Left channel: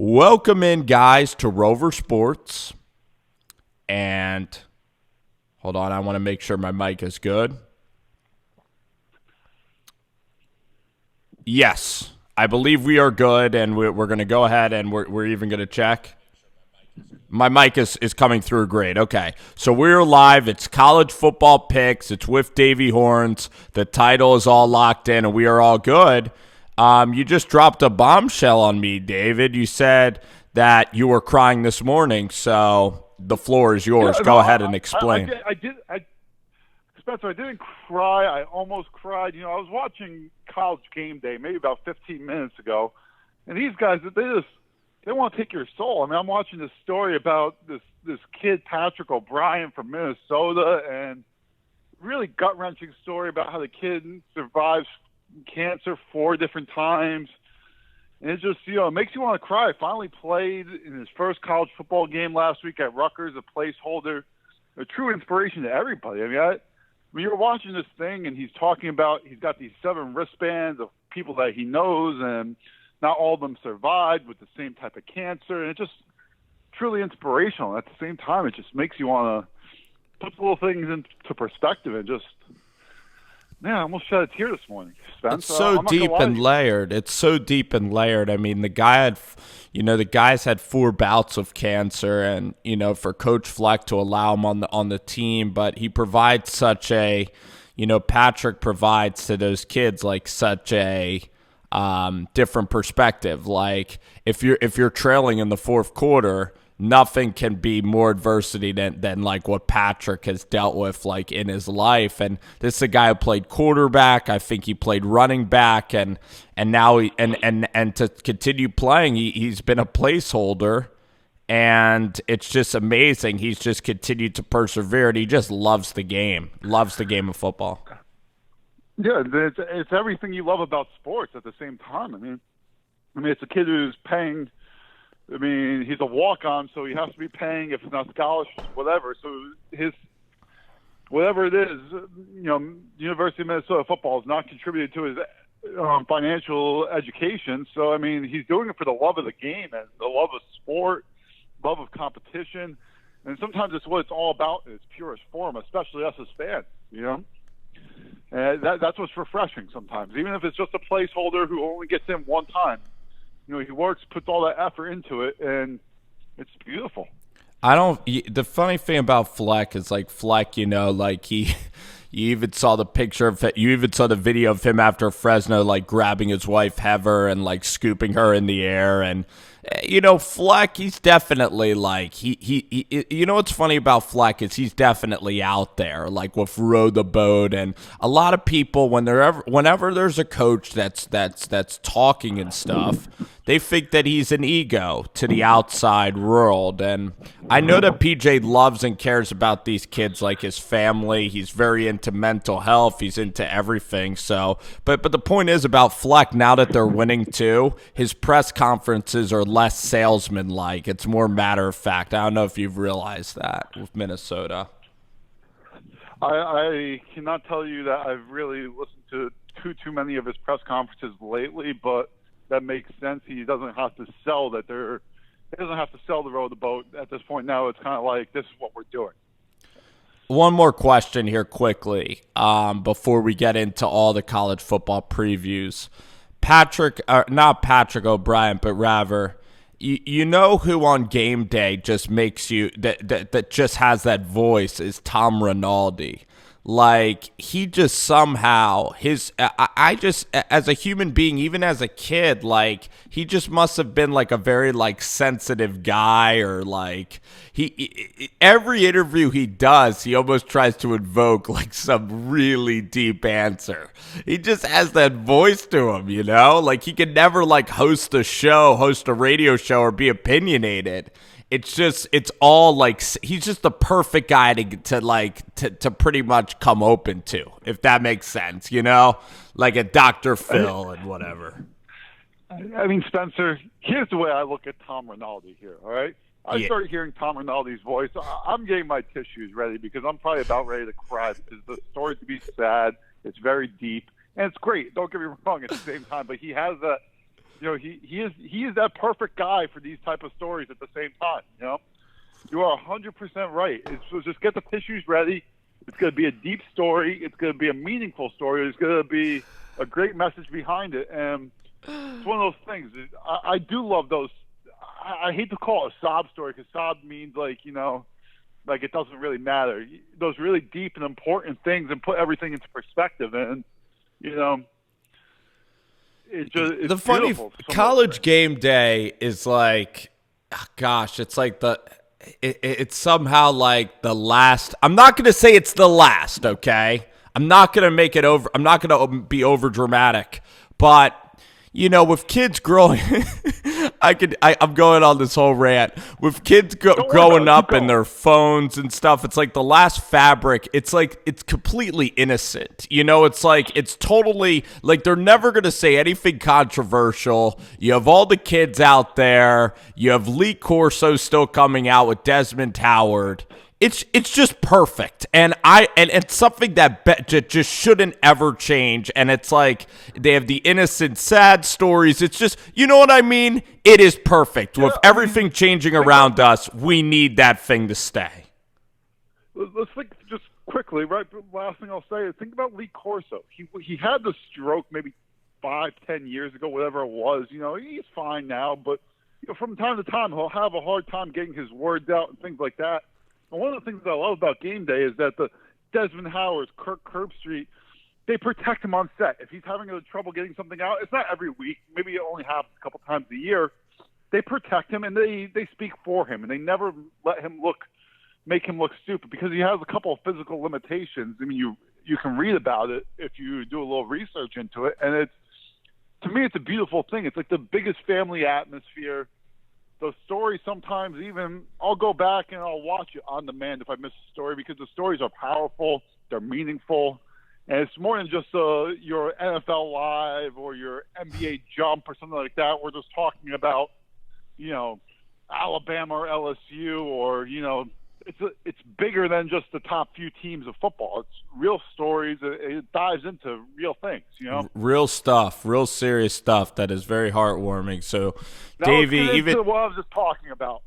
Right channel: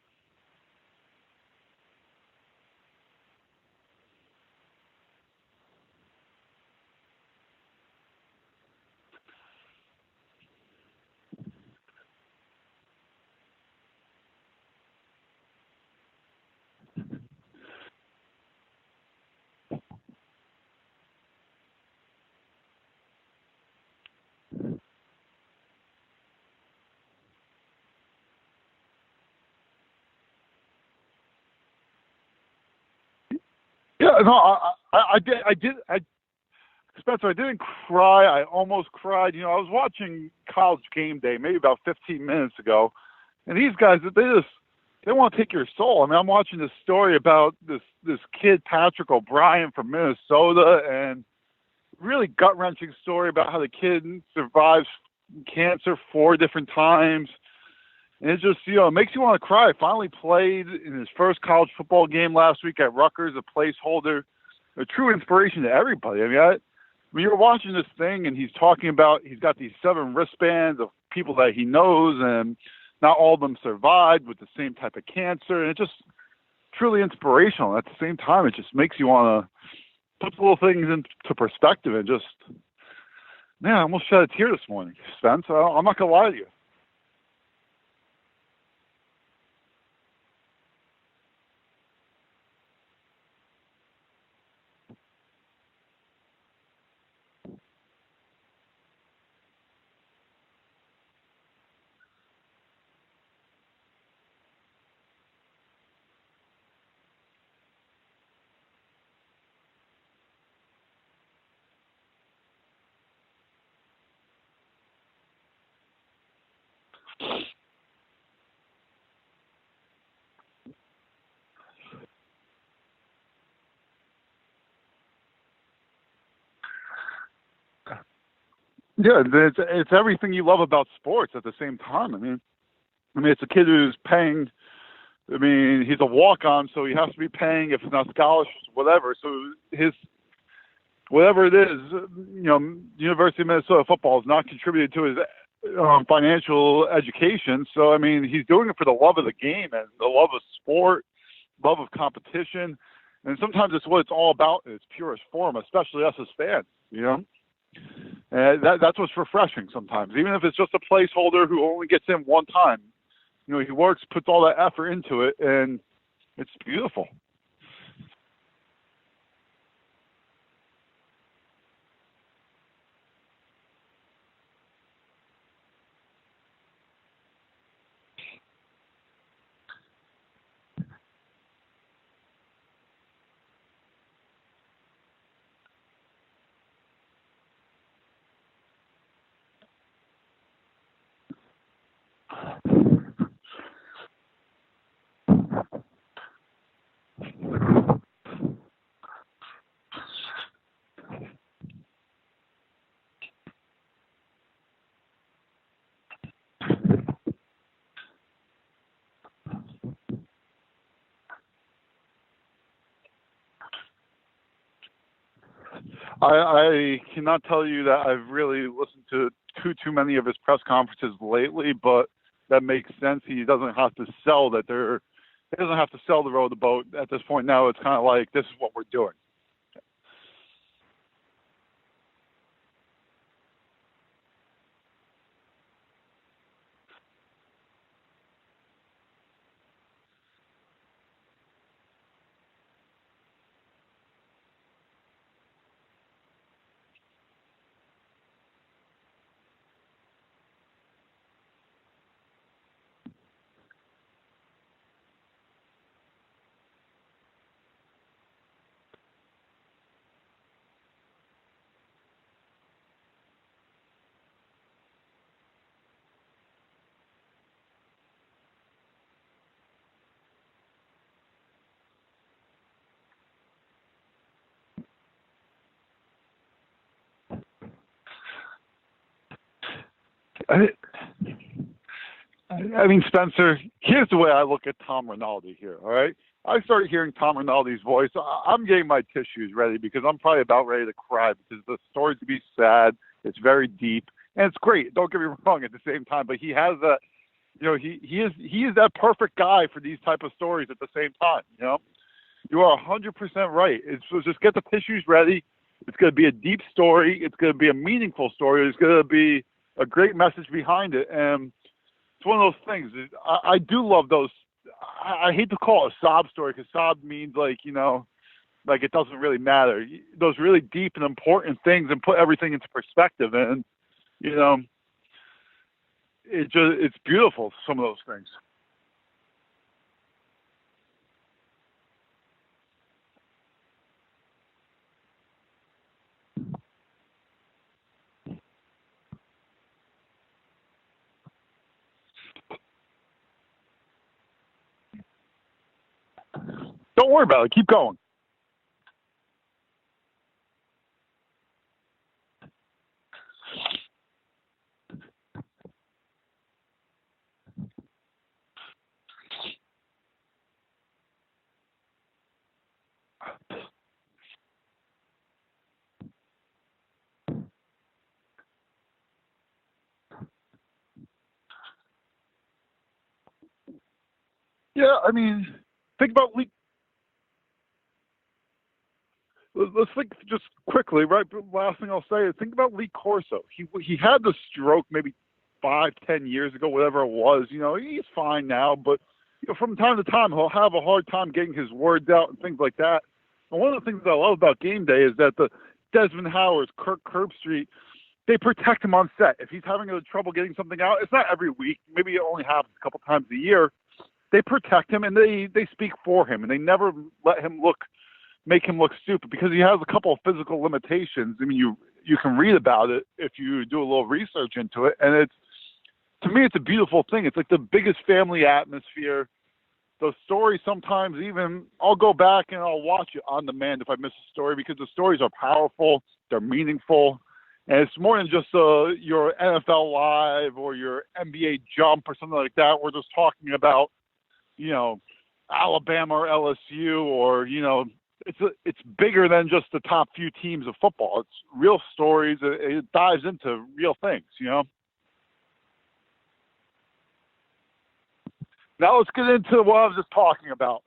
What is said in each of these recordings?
Welcome in, guys, to Rover Sports. And hold on, I want to make sure my mic is good. Yes, I believe we are good, and we're going to go ahead and we're even going to check. My mic is coming through great. Okay, so we're live. It's college football picks. It's with Davey Horns. The title is all locked in, and we are all good. You just dropped a bombshell on me, David. You said that you were crying this morning, so the floor is yours. Yeah, Go no, ahead and explain. Spencer, I didn't cry. I almost cried. I was watching College Game Day maybe about 15 minutes ago, and these guys, they want to take your soul. I mean, I'm watching this story about this kid, Patrick O'Brien from Minnesota, and really gut-wrenching story about how the kid survives cancer 4 different times. And it just, it makes you want to cry. Finally played in his first college football game last week at Rutgers, a placeholder, a true inspiration to everybody. When you're watching this thing and he's talking about he's got these 7 wristbands of people that he knows, and not all of them survived with the same type of cancer. And it's just truly inspirational. At the same time, it just makes you want to put the little things into perspective and just, man, I almost shed a tear this morning, Spence. It's so I'm not deep gonna lie to and you. layered. It's so deep and layered. I mean, the guys had 4 bouts of cancer, and for Coach Fleck to allow him on the team, but he provides such a, Patrick provides to those kids like such a different perspective. Like if you're trailing in the fourth quarter, nothing can be more adversity than like what Patrick has dealt with like in his life. And this is a guy who played quarterback. I think he played running back, and now and to continue playing, he's been a placeholder, and it's just amazing. He's just continued to persevere, and he just loves the game of football. Yeah, it's everything you love about sports at the same time. I mean, it's a kid who's paying. He's a walk-on, so he has to be paying, if it's not scholarship, whatever. So whatever it is, University of Minnesota football has not contributed to his financial education. So, he's doing it for the love of the game and the love of sport, love of competition. And sometimes it's what it's all about in its purest form, especially us as fans, And that's what's refreshing sometimes, even if it's just a placeholder who only gets in one time. He works, puts all that effort into it, and it's beautiful. The funny thing about Fleck is like Fleck, you even saw the picture of it. You even saw the video of him after Fresno, like grabbing his wife Heather and like scooping her in the air. And Fleck, he's definitely like he. What's funny about Fleck is he's definitely out there, like with Row the Boat, and a lot of people whenever there's a coach that's talking and stuff, they think that he's an ego to the outside world. And I know that PJ loves and cares about these kids like his family. He's very into mental health. He's into everything. So, but the point is about Fleck, now that they're winning too, his press conferences are less salesman-like. It's more matter of fact. I don't know if you've realized that with Minnesota. I cannot tell you that I've really listened to too many of his press conferences lately, but that makes sense. He doesn't have to sell that he doesn't have to sell the Row the Boat at this point. Now it's kind of like, this is what we're doing. One more question here quickly before we get into all the college football previews. Not Patrick O'Brien, but rather, you know who on game day just makes you that just has that voice is Tom Rinaldi. Like, he just somehow I just, as a human being, even as a kid, like, he just must have been like a very like sensitive guy, or like every interview he does, he almost tries to invoke like some really deep answer. He just has that voice to him, like he could never like host a radio show, or be opinionated. It's all like, he's just the perfect guy to pretty much come open to, if that makes sense, like a Dr. Phil and whatever. Spencer, here's the way I look at Tom Rinaldi here, all right? I started hearing Tom Rinaldi's voice. I'm getting my tissues ready, because I'm probably about ready to cry, because the story's to be sad. It's very deep, and it's great. Don't get me wrong at the same time, but he has he is that perfect guy for these type of stories at the same time. You are 100% right. So just get the tissues ready. It's going to be a deep story. It's going to be a meaningful story. There's going to be a great message behind it. And it's one of those things. I do love those. I hate to call it a sob story because sob means like it doesn't really matter. Those really deep and important things and put everything into perspective. And, it's beautiful. College game day is like, gosh, it's like it's somehow like the last. I'm not going to say it's the last, okay? I'm not going to make it over. I'm not going to be over dramatic, but with kids growing, I'm going on this whole rant. With kids growing up and their phones and stuff, it's like the last fabric. It's like it's completely innocent. It's like it's totally like they're never going to say anything controversial. You have all the kids out there. You have Lee Corso still coming out with Desmond Howard. It's just perfect, and it's something that just shouldn't ever change. And it's like they have the innocent, sad stories. It's just, you know what I mean? It is perfect. With everything changing around us, we need that thing to stay. Let's think just quickly, right? Last thing I'll say is think about Lee Corso. He had the stroke maybe 5-10 years ago, whatever it was. He's fine now, but from time to time he'll have a hard time getting his words out and things like that. And one of the things I love about game day is that the Desmond Howards, Kirk Herbstreit, they protect him on set. If he's having trouble getting something out, it's not every week. Maybe it only happens a couple times a year. They protect him and they speak for him, and they never make him look stupid because he has a couple of physical limitations. I mean, you can read about it if you do a little research into it, and to me, it's a beautiful thing. It's like the biggest family atmosphere. The story sometimes even I'll go back and I'll watch it on demand if I miss a story because the stories are powerful, they're meaningful, and it's more than just your NFL Live or your NBA Jump or something like that. We're just talking about Alabama or LSU or it's bigger than just the top few teams of football. It's real stories. It dives into real things. Real stuff, real serious stuff that is very heartwarming. So. Now Davey, let's get into what I was just talking about.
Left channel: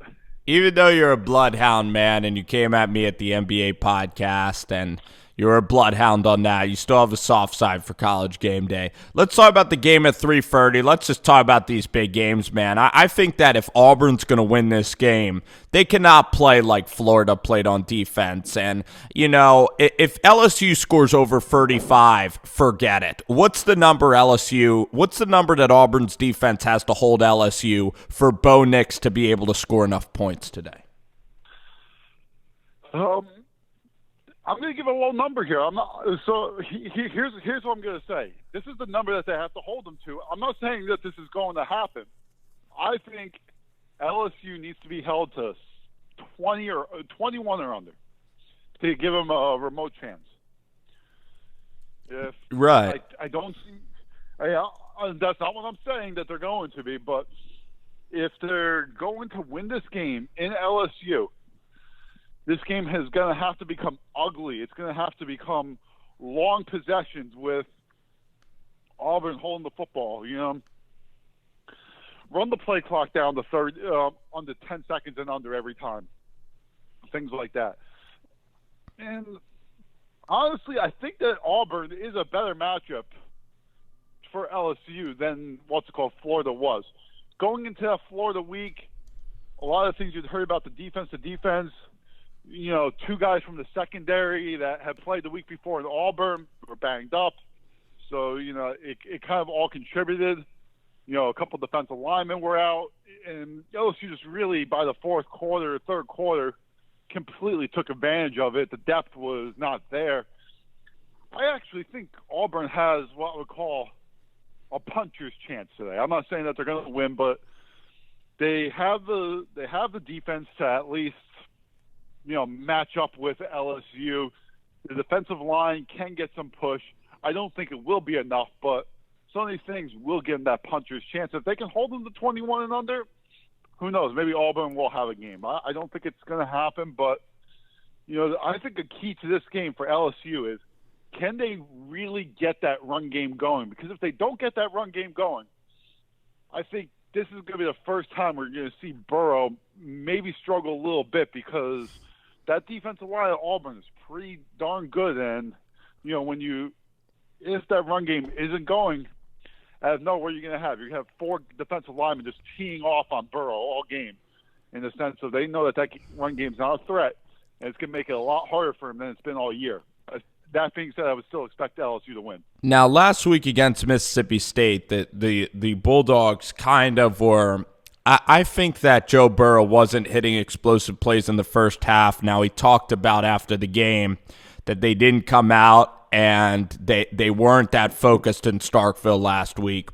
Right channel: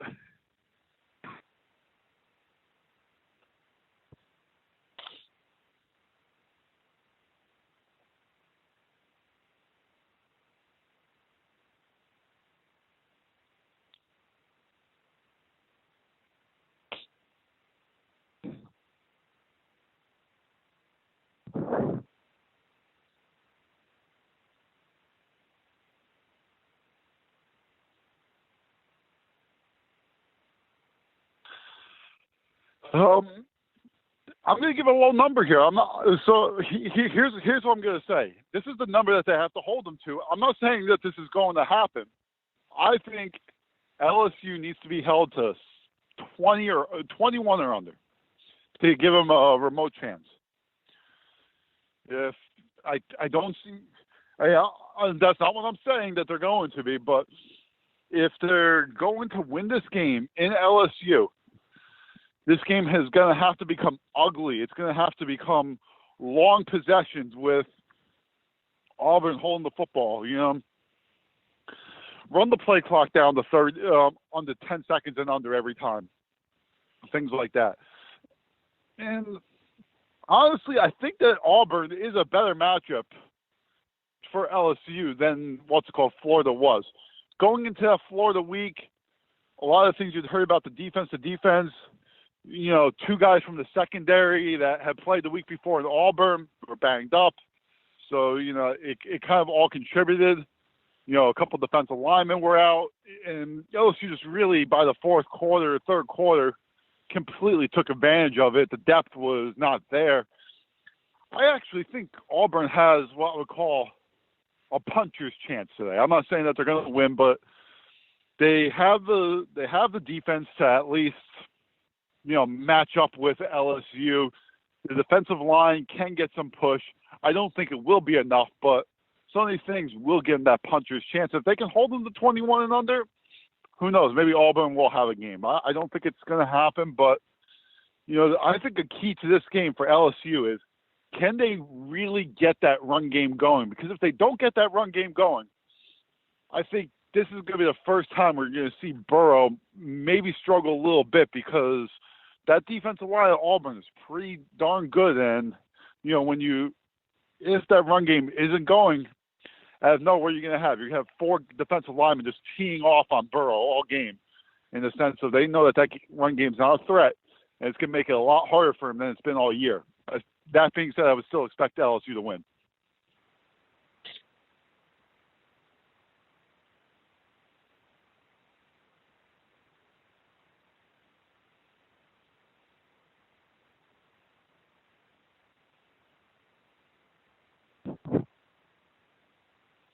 Even though you're a bloodhound, man, and you came at me at the NBA podcast and you're a bloodhound on that, you still have a soft side for college game day. Let's talk about the game at 3:30. Let's just talk about these big games, man. I think that if Auburn's going to win this game, they cannot play like Florida played on defense. And, if LSU scores over 35, forget it. What's the number that Auburn's defense has to hold LSU for Bo Nix to be able to score enough points today? I'm going to give a low number here. Here's what I'm going to say. This is the number that they have to hold them to. I'm not saying that this is going to happen. I think LSU needs to be held to 20 or 21 or under to give them a remote chance. I don't see. That's not what I'm saying that they're going to be. But if they're going to win this game in LSU. This game is going to have to become ugly. It's going to have to become long possessions with Auburn holding the football. Run the play clock down to under 10 seconds and under every time. Things like that. And honestly, I think that Auburn is a better matchup for LSU than Florida was. Going into that Florida week, a lot of things you'd heard about the defense. Two guys from the secondary that had played the week before in Auburn were banged up. So, it kind of all contributed. A couple of defensive linemen were out. And LSU just really, by the third quarter, completely took advantage of it. The depth was not there. I actually think Auburn has what I would call a puncher's chance today. I'm not saying that they're going to win, but they have the defense to at least match up with LSU. The defensive line can get some push. I don't think it will be enough, but some of these things will give them that puncher's chance. If they can hold them to 21 and under, who knows? Maybe Auburn will have a game. I don't think it's going to happen, but I think the key to this game for LSU is can they really get that run game going? Because if they don't get that run game going, I think this is going to be the first time we're going to see Burrow maybe struggle a little bit because that defensive line at Auburn is pretty darn good. And, if that run game isn't going, out of nowhere, you're going to have. You're going to have 4 defensive linemen just teeing off on Burrow all game in the sense of they know that run game's not a threat, and it's going to make it a lot harder for him than it's been all year. That being said, I would still expect LSU to win. Now, last week against Mississippi State, the Bulldogs kind of were – I think that Joe Burrow wasn't hitting explosive plays in the first half. Now, he talked about after the game that they didn't come out and they weren't that focused in Starkville last week.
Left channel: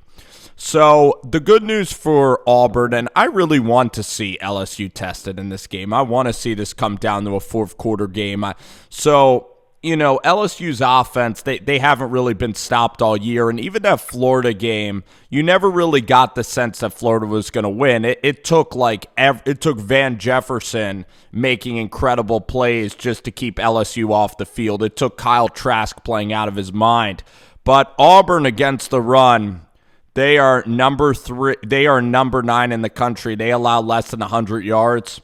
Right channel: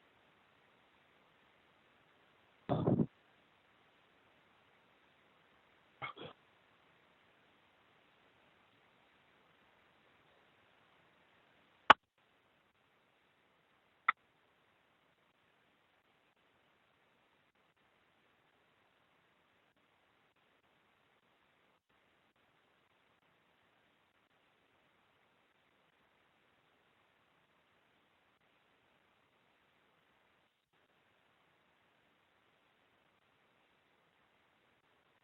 So the good news for Auburn, and I really want to see LSU tested in this game. I want to see this come down to a fourth quarter game. LSU's offense, they haven't really been stopped all year. And even that Florida game, you never really got the sense that Florida was going to win. It took Van Jefferson making incredible plays just to keep LSU off the field. It took Kyle Trask playing out of his mind. But Auburn against the run, they are number 3. They are number 9 in the country. They allow less than 100 yards.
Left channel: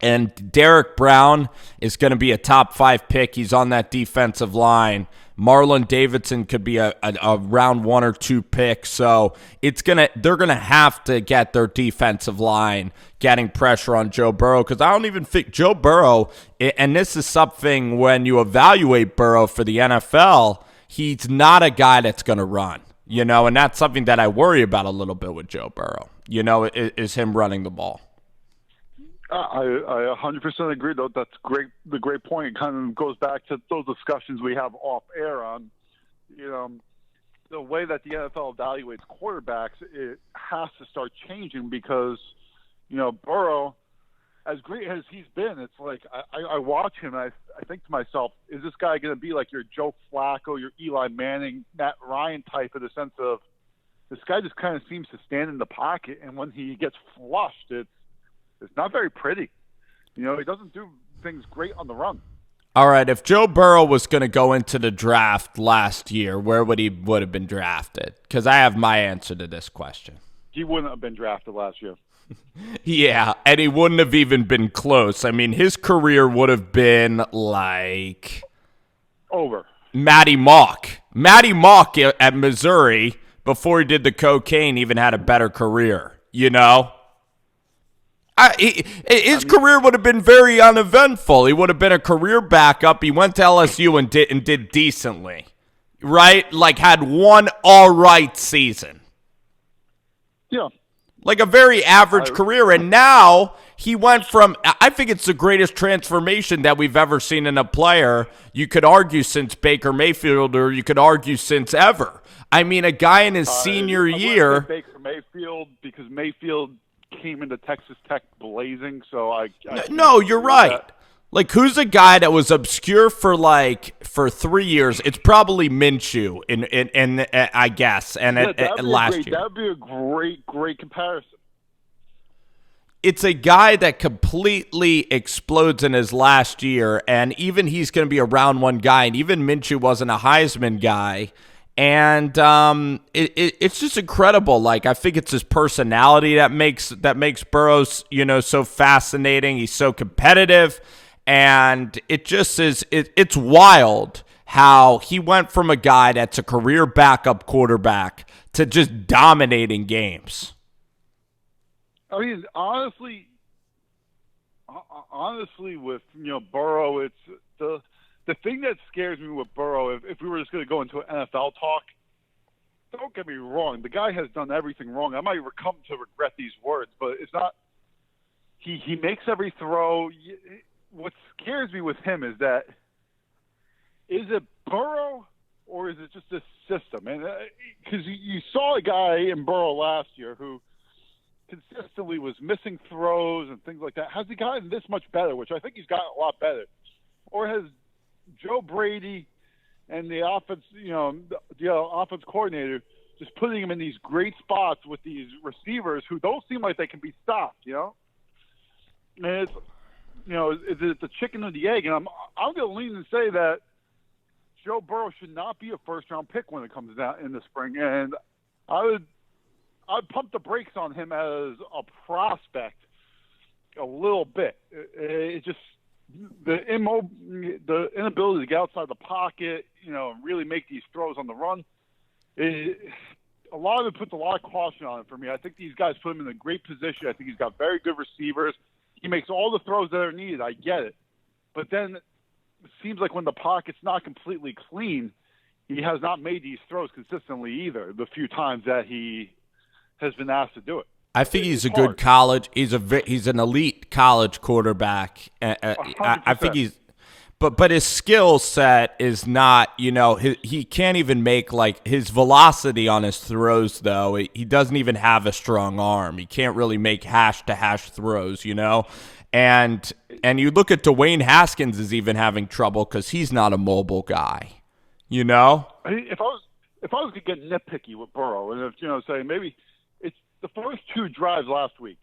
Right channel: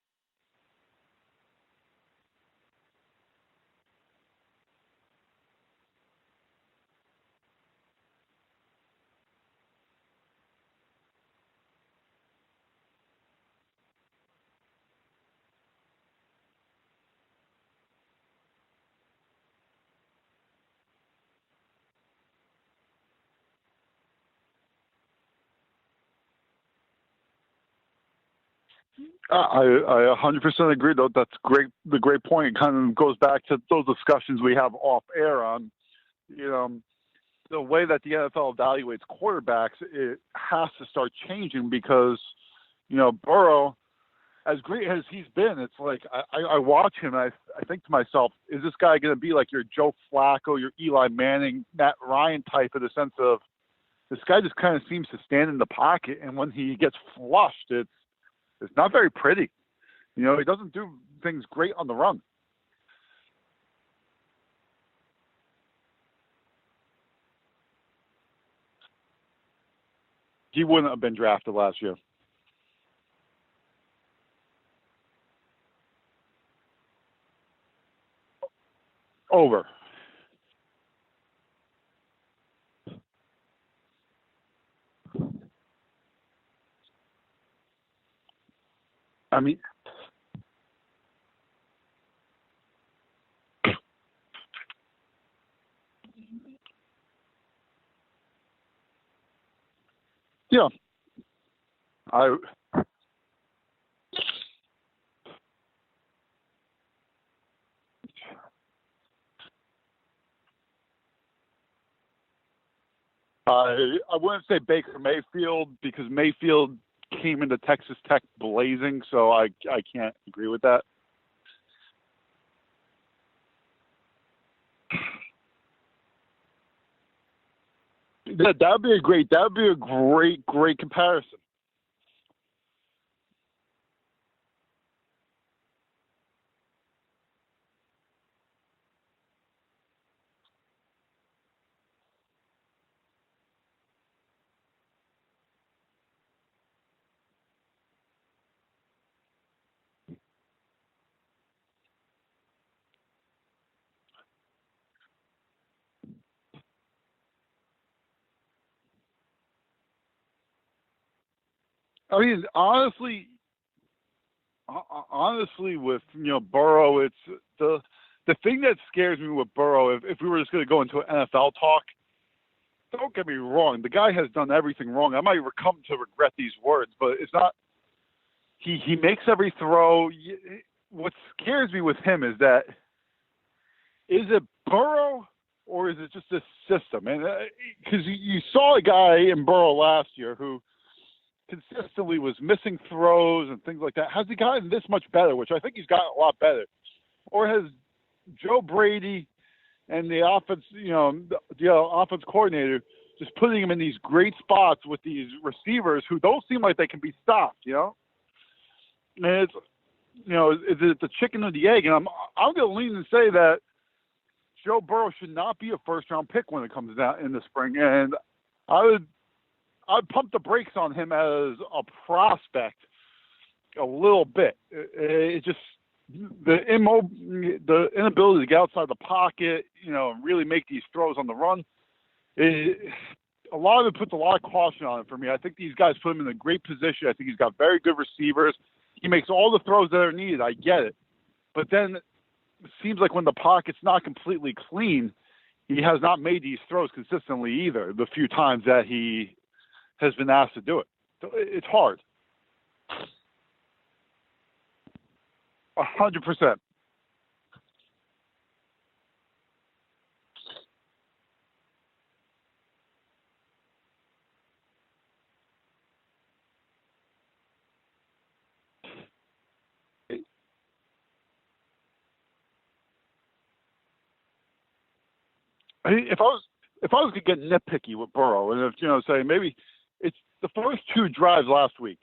And Derek Brown is going to be a top 5 pick. He's on that defensive line. Marlon Davidson could be a round 1 or 2 pick. So they're gonna have to get their defensive line getting pressure on Joe Burrow, because I don't even think Joe Burrow, and this is something when you evaluate Burrow for the NFL, he's not a guy that's going to run. And that's something that I worry about a little bit with Joe Burrow. Is him running the ball. I 100% agree, though. That's great. The great point. It kind of goes back to those discussions we have off air on, the way that the NFL evaluates quarterbacks. It has to start changing because, Burrow, as great as he's been, it's like I watch him and I think to myself, is this guy going to be like your Joe Flacco, your Eli Manning, Matt Ryan type, in the sense of this guy just kind of seems to stand in the pocket, and when he gets flushed, it's not very pretty. He doesn't do things great on the run. All right, if Joe Burrow was going to go into the draft last year, where would have been drafted? Because I have my answer to this question. He wouldn't have been drafted last year. Yeah, and he wouldn't have even been close. I mean, his career would have been like over. Matty Mock. Matty Mock at Missouri, before he did the cocaine, even had a better career, His career would have been very uneventful. He would have been a career backup. He went to LSU and did decently, right? Like had one all right season. Yeah. Like a very average career. And now he went from, I think it's the greatest transformation that we've ever seen in a player. You could argue since Baker Mayfield, or you could argue since ever. I mean, a guy in his senior year. I wouldn't say Baker Mayfield, because Mayfield came into Texas Tech blazing, so I can't. No, you're right. Like, who's a guy that was obscure for 3 years? It's probably Minshew, in I guess. And that'd be a great comparison. It's a guy that completely explodes in his last year, and even he's going to be a round 1 guy, and even Minshew wasn't a Heisman guy. And it's just incredible. Like, I think it's his personality that makes Burrow, so fascinating. He's so competitive, and it just is. It's wild how he went from a guy that's a career backup quarterback to just dominating games. I mean, honestly, with Burrow, it's the thing that scares me with Burrow, if we were just going to go into an NFL talk, don't get me wrong, the guy has done everything wrong. I might come to regret these words, but it's not. He makes every throw. What scares me with him is that, is it Burrow or is it just this system? And because you saw a guy in Burrow last year who consistently was missing throws and things like that. Has he gotten this much better? Which I think he's gotten a lot better. Or has Joe Brady and the offense, the offense coordinator, just putting him in these great spots with these receivers who don't seem like they can be stopped, And it's, is it the chicken or the egg? And I'm going to lean and say that Joe Burrow should not be a first-round pick when it comes down in the spring. And I I'd pump the brakes on him as a prospect a little bit. It just the inability to get outside the pocket, and really make these throws on the run. A lot of it puts a lot of caution on it for me. I think these guys put him in a great position. I think he's got very good receivers. He makes all the throws that are needed. I get it. But then it seems like when the pocket's not completely clean, he has not made these throws consistently either, the few times that he has been asked to do it. I think he's a good college. He's an elite college quarterback. 100%. I think but his skill set is not. He can't even make his velocity on his throws. Though he doesn't even have a strong arm. He can't really make hash to hash throws. And you look at Dwayne Haskins is even having trouble because he's not a mobile guy. If I was to get nitpicky with Burrow, and say maybe it's the first two drives last week,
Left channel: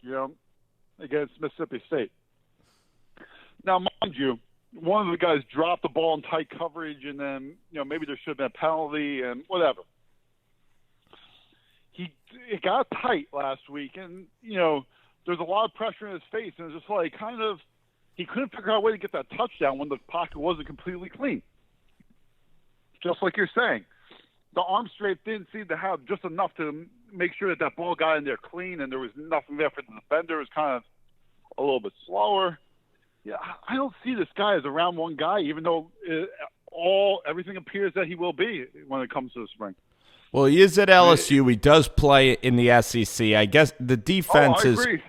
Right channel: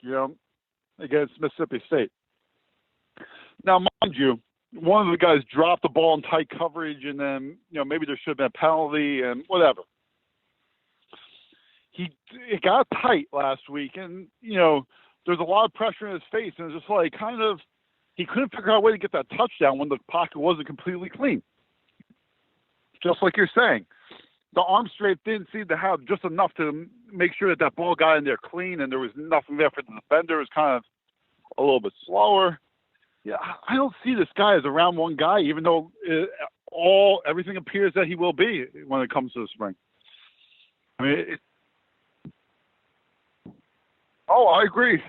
against Mississippi State. Now, mind you, one of the guys dropped the ball in tight coverage, and then maybe there should have been a penalty and whatever. It got tight last week, and there's a lot of pressure in his face, and it's just he couldn't figure out a way to get that touchdown when the pocket wasn't completely clean. Just like you're saying, the arm strength didn't seem to have just enough to make sure that ball got in there clean, and there was nothing there for the defender. It was kind of a little bit slower. Yeah, I don't see this guy as a round one guy, even though everything appears that he will be when it comes to the spring. Well, he is at LSU. He does play in the SEC. I guess the defense I agree.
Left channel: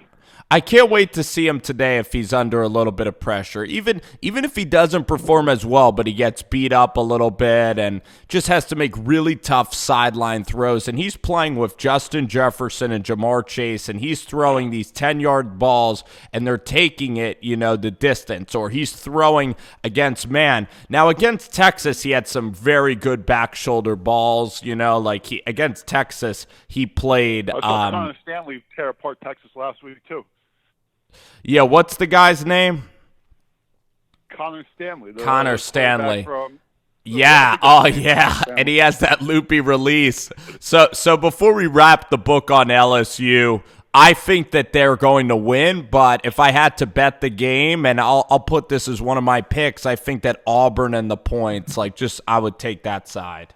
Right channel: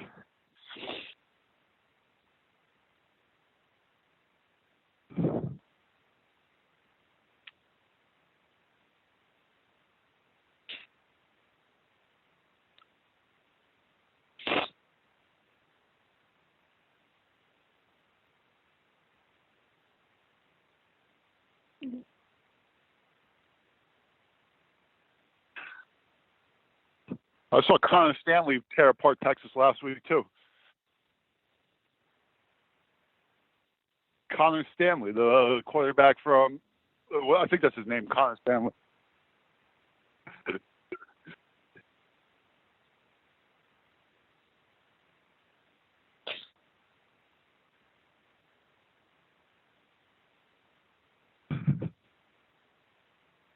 I can't wait to see him today if he's under a little bit of pressure. Even if he doesn't perform as well, but he gets beat up a little bit and just has to make really tough sideline throws. And he's playing with Justin Jefferson and Jamar Chase, and he's throwing these 10-yard balls, and they're taking it, the distance. Or he's throwing against man. Now, against Texas, he had some very good back shoulder balls. Against Texas, he played. I saw Connor Stanley tear apart Texas last week, too. Yeah, what's the guy's name? Connor Stanley. Connor Stanley. From, yeah. And he has that loopy release. So before we wrap the book on LSU, I think that they're going to win. But if I had to bet the game, and I'll put this as one of my picks, I think that Auburn and the points, I would take that side.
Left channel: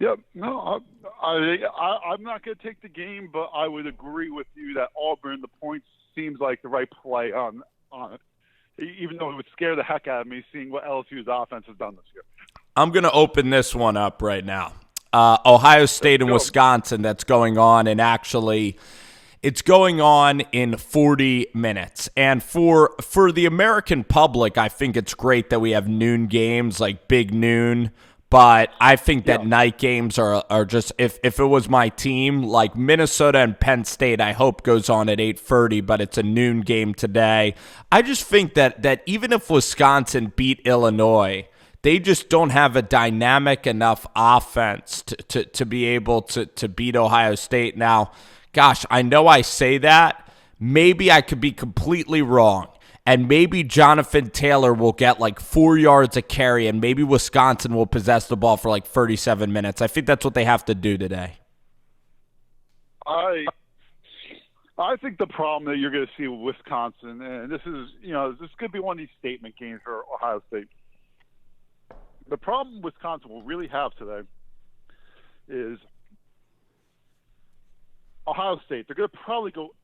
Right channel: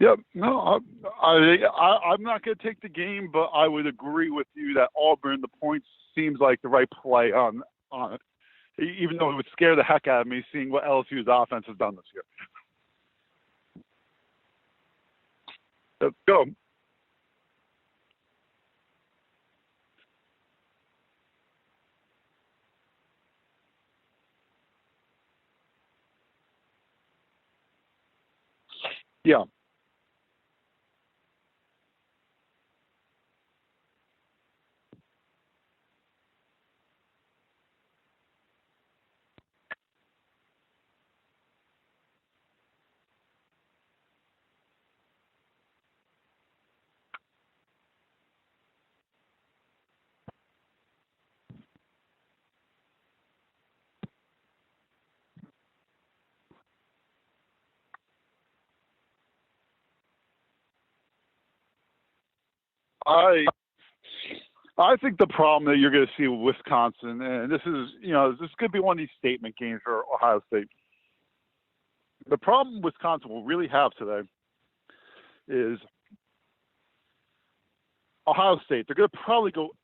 Yep. No, I'm not going to take the game, but I would agree with you that Auburn, the points, seems like the right play on it, even though it would scare the heck out of me seeing what LSU's offense has done this year. I'm going to open this one up right now. Ohio State and Wisconsin, that's going on, and actually it's going on in 40 minutes. And for the American public, I think it's great that we have noon games, like big noon. But I think that night games are just, if it was my team, like Minnesota and Penn State, I hope goes on at 8:30, but it's a noon game today. I just think that even if Wisconsin beat Illinois, they just don't have a dynamic enough offense to be able to beat Ohio State. Now, gosh, I know I say that. Maybe I could be completely wrong. And maybe Jonathan Taylor will get 4 yards a carry, and maybe Wisconsin will possess the ball for 37 minutes. I think that's what they have to do today. I think the problem that you're going to see with Wisconsin, and this is, this could be one of these statement games for Ohio State. The problem Wisconsin will really have today is Ohio State. They're going to probably go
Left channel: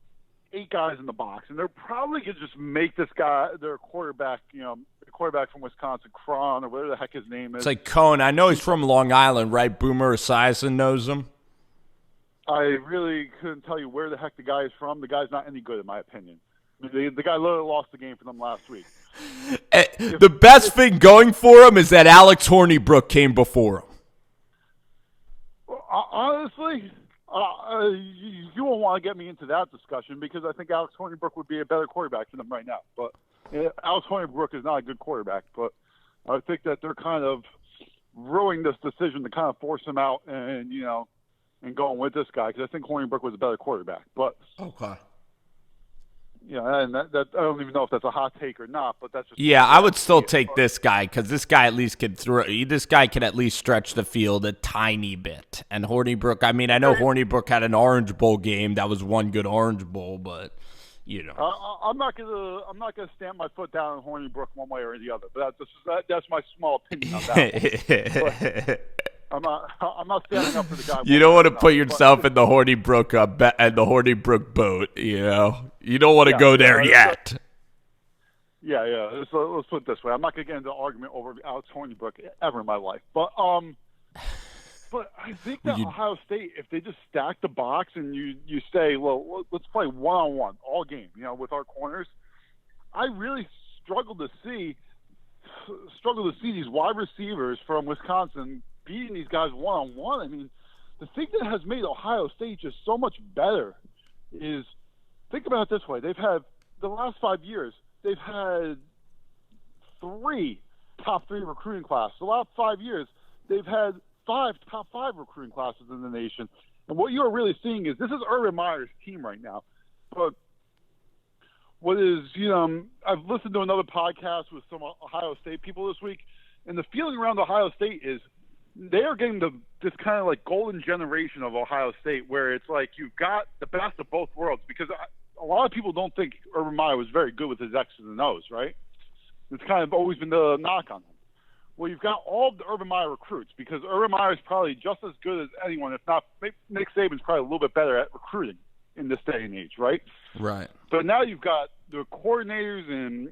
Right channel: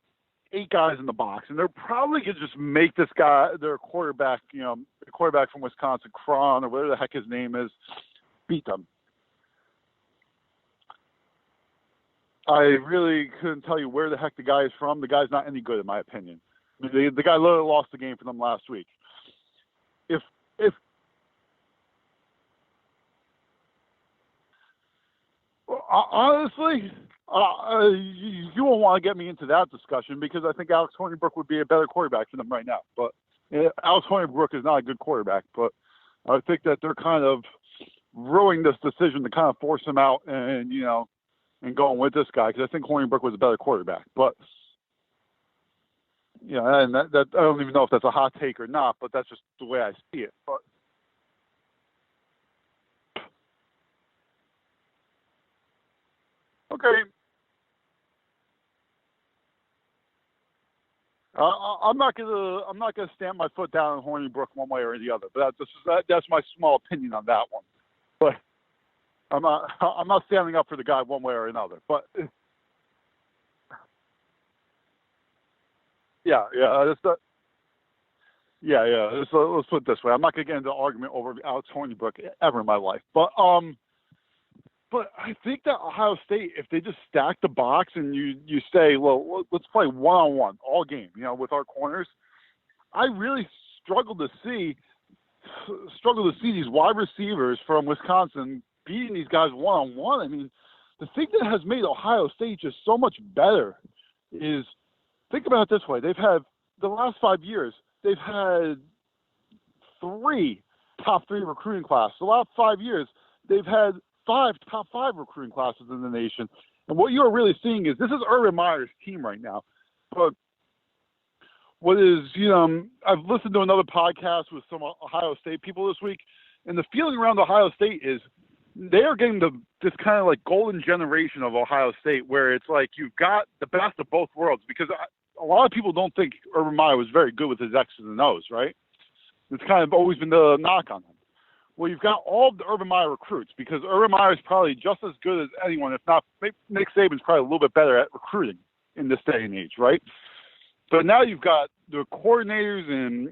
8 guys in the box, and they're probably going to just make this guy, their quarterback, the quarterback from Wisconsin, Cron, or whatever the heck his name is. It's like Cohn. I know he's from Long Island, right? Boomer Esiason knows him. I really couldn't tell you where the heck the guy is from. The guy's not any good, in my opinion. The guy literally lost the game for them last week. The best thing going for him is that Alex Hornibrook came before him. Honestly, you won't want to get me into that discussion because I think Alex Hornibrook would be a better quarterback for them right now. But Alex Hornibrook is not a good quarterback. But I think that they're kind of ruining this decision to kind of force him out and going with this guy because I think Hornibrook was a better quarterback. But okay. And that I don't even know if that's a hot take or not, but that's just Yeah, the I way would still see it. take this guy because this guy at least can throw. This guy can at least stretch the field a tiny bit. And Hornibrook, I mean, I know Okay. Hornibrook had an Orange Bowl game. That was one good Orange Bowl, but I'm not gonna stamp my foot down on Hornibrook one way or the other. But that's my small opinion on that one. But I'm not standing up for the guy. You don't want to put yourself in the Hornibrook and the Hornibrook boat. You don't want to go there yet. Yeah. Let's put it this way. I'm not gonna get into an argument over Alex Hornibrook ever in my life. But I think that Ohio State, if they just stack the box and you say, well, let's play one-on-one all game, with our corners, I really struggle to see these wide receivers from Wisconsin beating these guys one-on-one. I mean, the thing that has made Ohio State just so much better is, think about it this way. They've had, the last 5 years, they've had 3 top 3 recruiting classes. The last 5 years, they've had 5 top 5 recruiting classes in the nation. And what you're really seeing is this is Urban Meyer's team right now. But what is, I've listened to another podcast with some Ohio State people this week, and the feeling around Ohio State is they are getting this kind of like golden generation of Ohio State where it's like you've got the best of both worlds, because a lot of people don't think Urban Meyer was very good with his X's and O's, right? It's kind of always been the knock on him. Well, you've got all of the Urban Meyer recruits, because Urban Meyer is probably just as good as anyone, if not, maybe Nick Saban's probably a little bit better at recruiting in this day and age, right? Right. But now you've got the coordinators and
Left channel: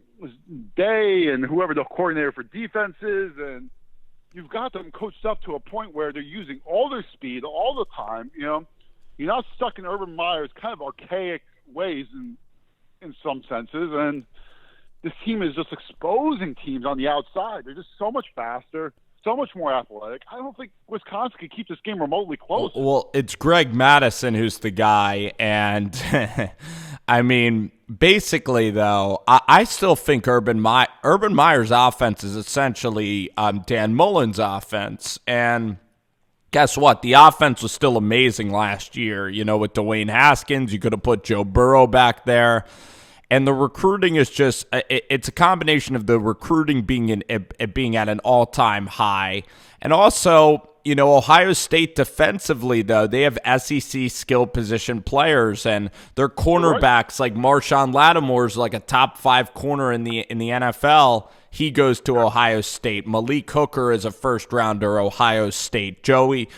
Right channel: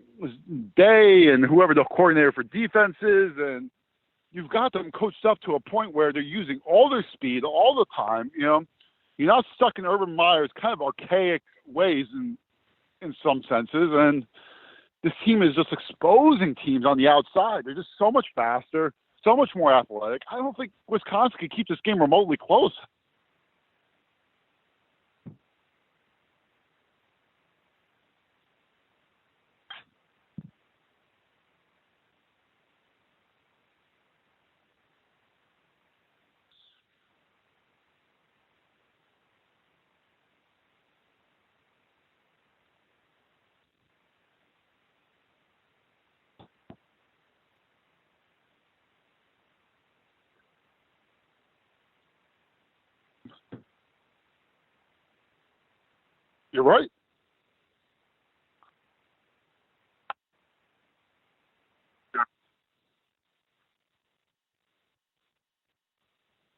Day and whoever the coordinator for defense is, and you've got them coached up to a point where they're using all their speed all the time. You're not stuck in Urban Meyer's kind of archaic ways in some senses, and this team is just exposing teams on the outside. They're just so much faster, so much more athletic. I don't think Wisconsin can keep this game remotely close. Well, it's Greg Madison who's the guy, and I mean, basically, though, I still think Urban Meyer's offense is essentially Dan Mullen's offense, and guess what? The offense was still amazing last year. With Dwayne Haskins, you could have put Joe Burrow back there. And the recruiting is just, it's a combination of the recruiting being at an all-time high. And also, Ohio State defensively, though, they have SEC skill position players, and their cornerbacks, like Marshawn Lattimore's like a top 5 corner in the NFL. He goes to Ohio State. Malik Hooker is a first-rounder, Ohio State. Joey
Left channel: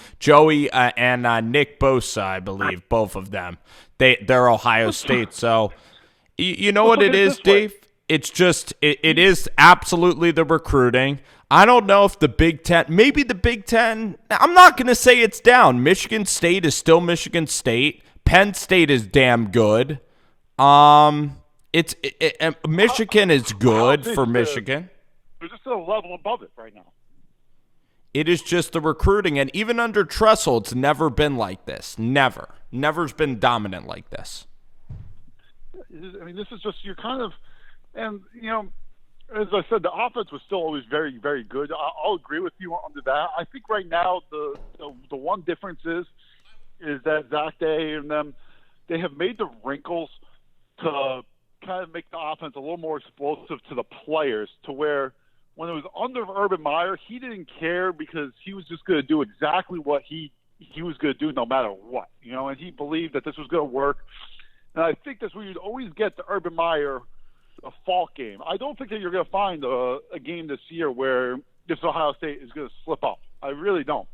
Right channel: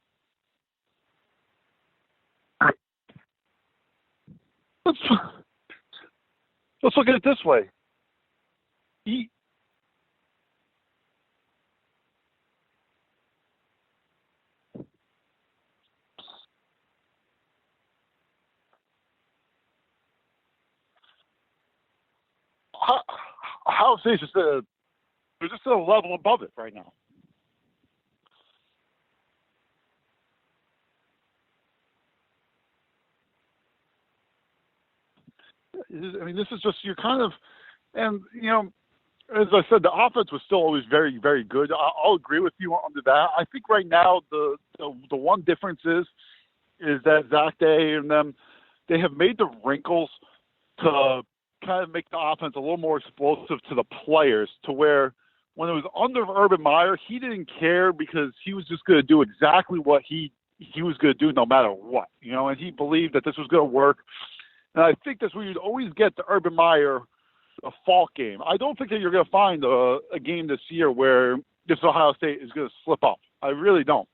and Nick Bosa, I believe, both of them. They're Ohio State, so... You know what it is, Dave? It's just, it is absolutely the recruiting. I don't know if the Big Ten, maybe the Big Ten, I'm not going to say it's down. Michigan State is still Michigan State. Penn State is damn good. Michigan is good for Michigan. They're just a level above it right now. It is just the recruiting. And even under Tressel, it's never been like this. Never. Never's been dominant like this. I mean, this is just, you're kind of, and, as I said, the offense was still always very, very good. I'll agree with you on that. I think right now the one difference is that Zach Day and them, they have made the wrinkles to kind of make the offense a little more explosive to the players, to where when it was under Urban Meyer, he didn't care because he was just going to do exactly what he was going to do no matter what, and he believed that this was going to work. And I think that's where you'd always get the Urban Meyer fault game. I don't think that you're going to find a game this year where this Ohio State is going to slip up. I really don't.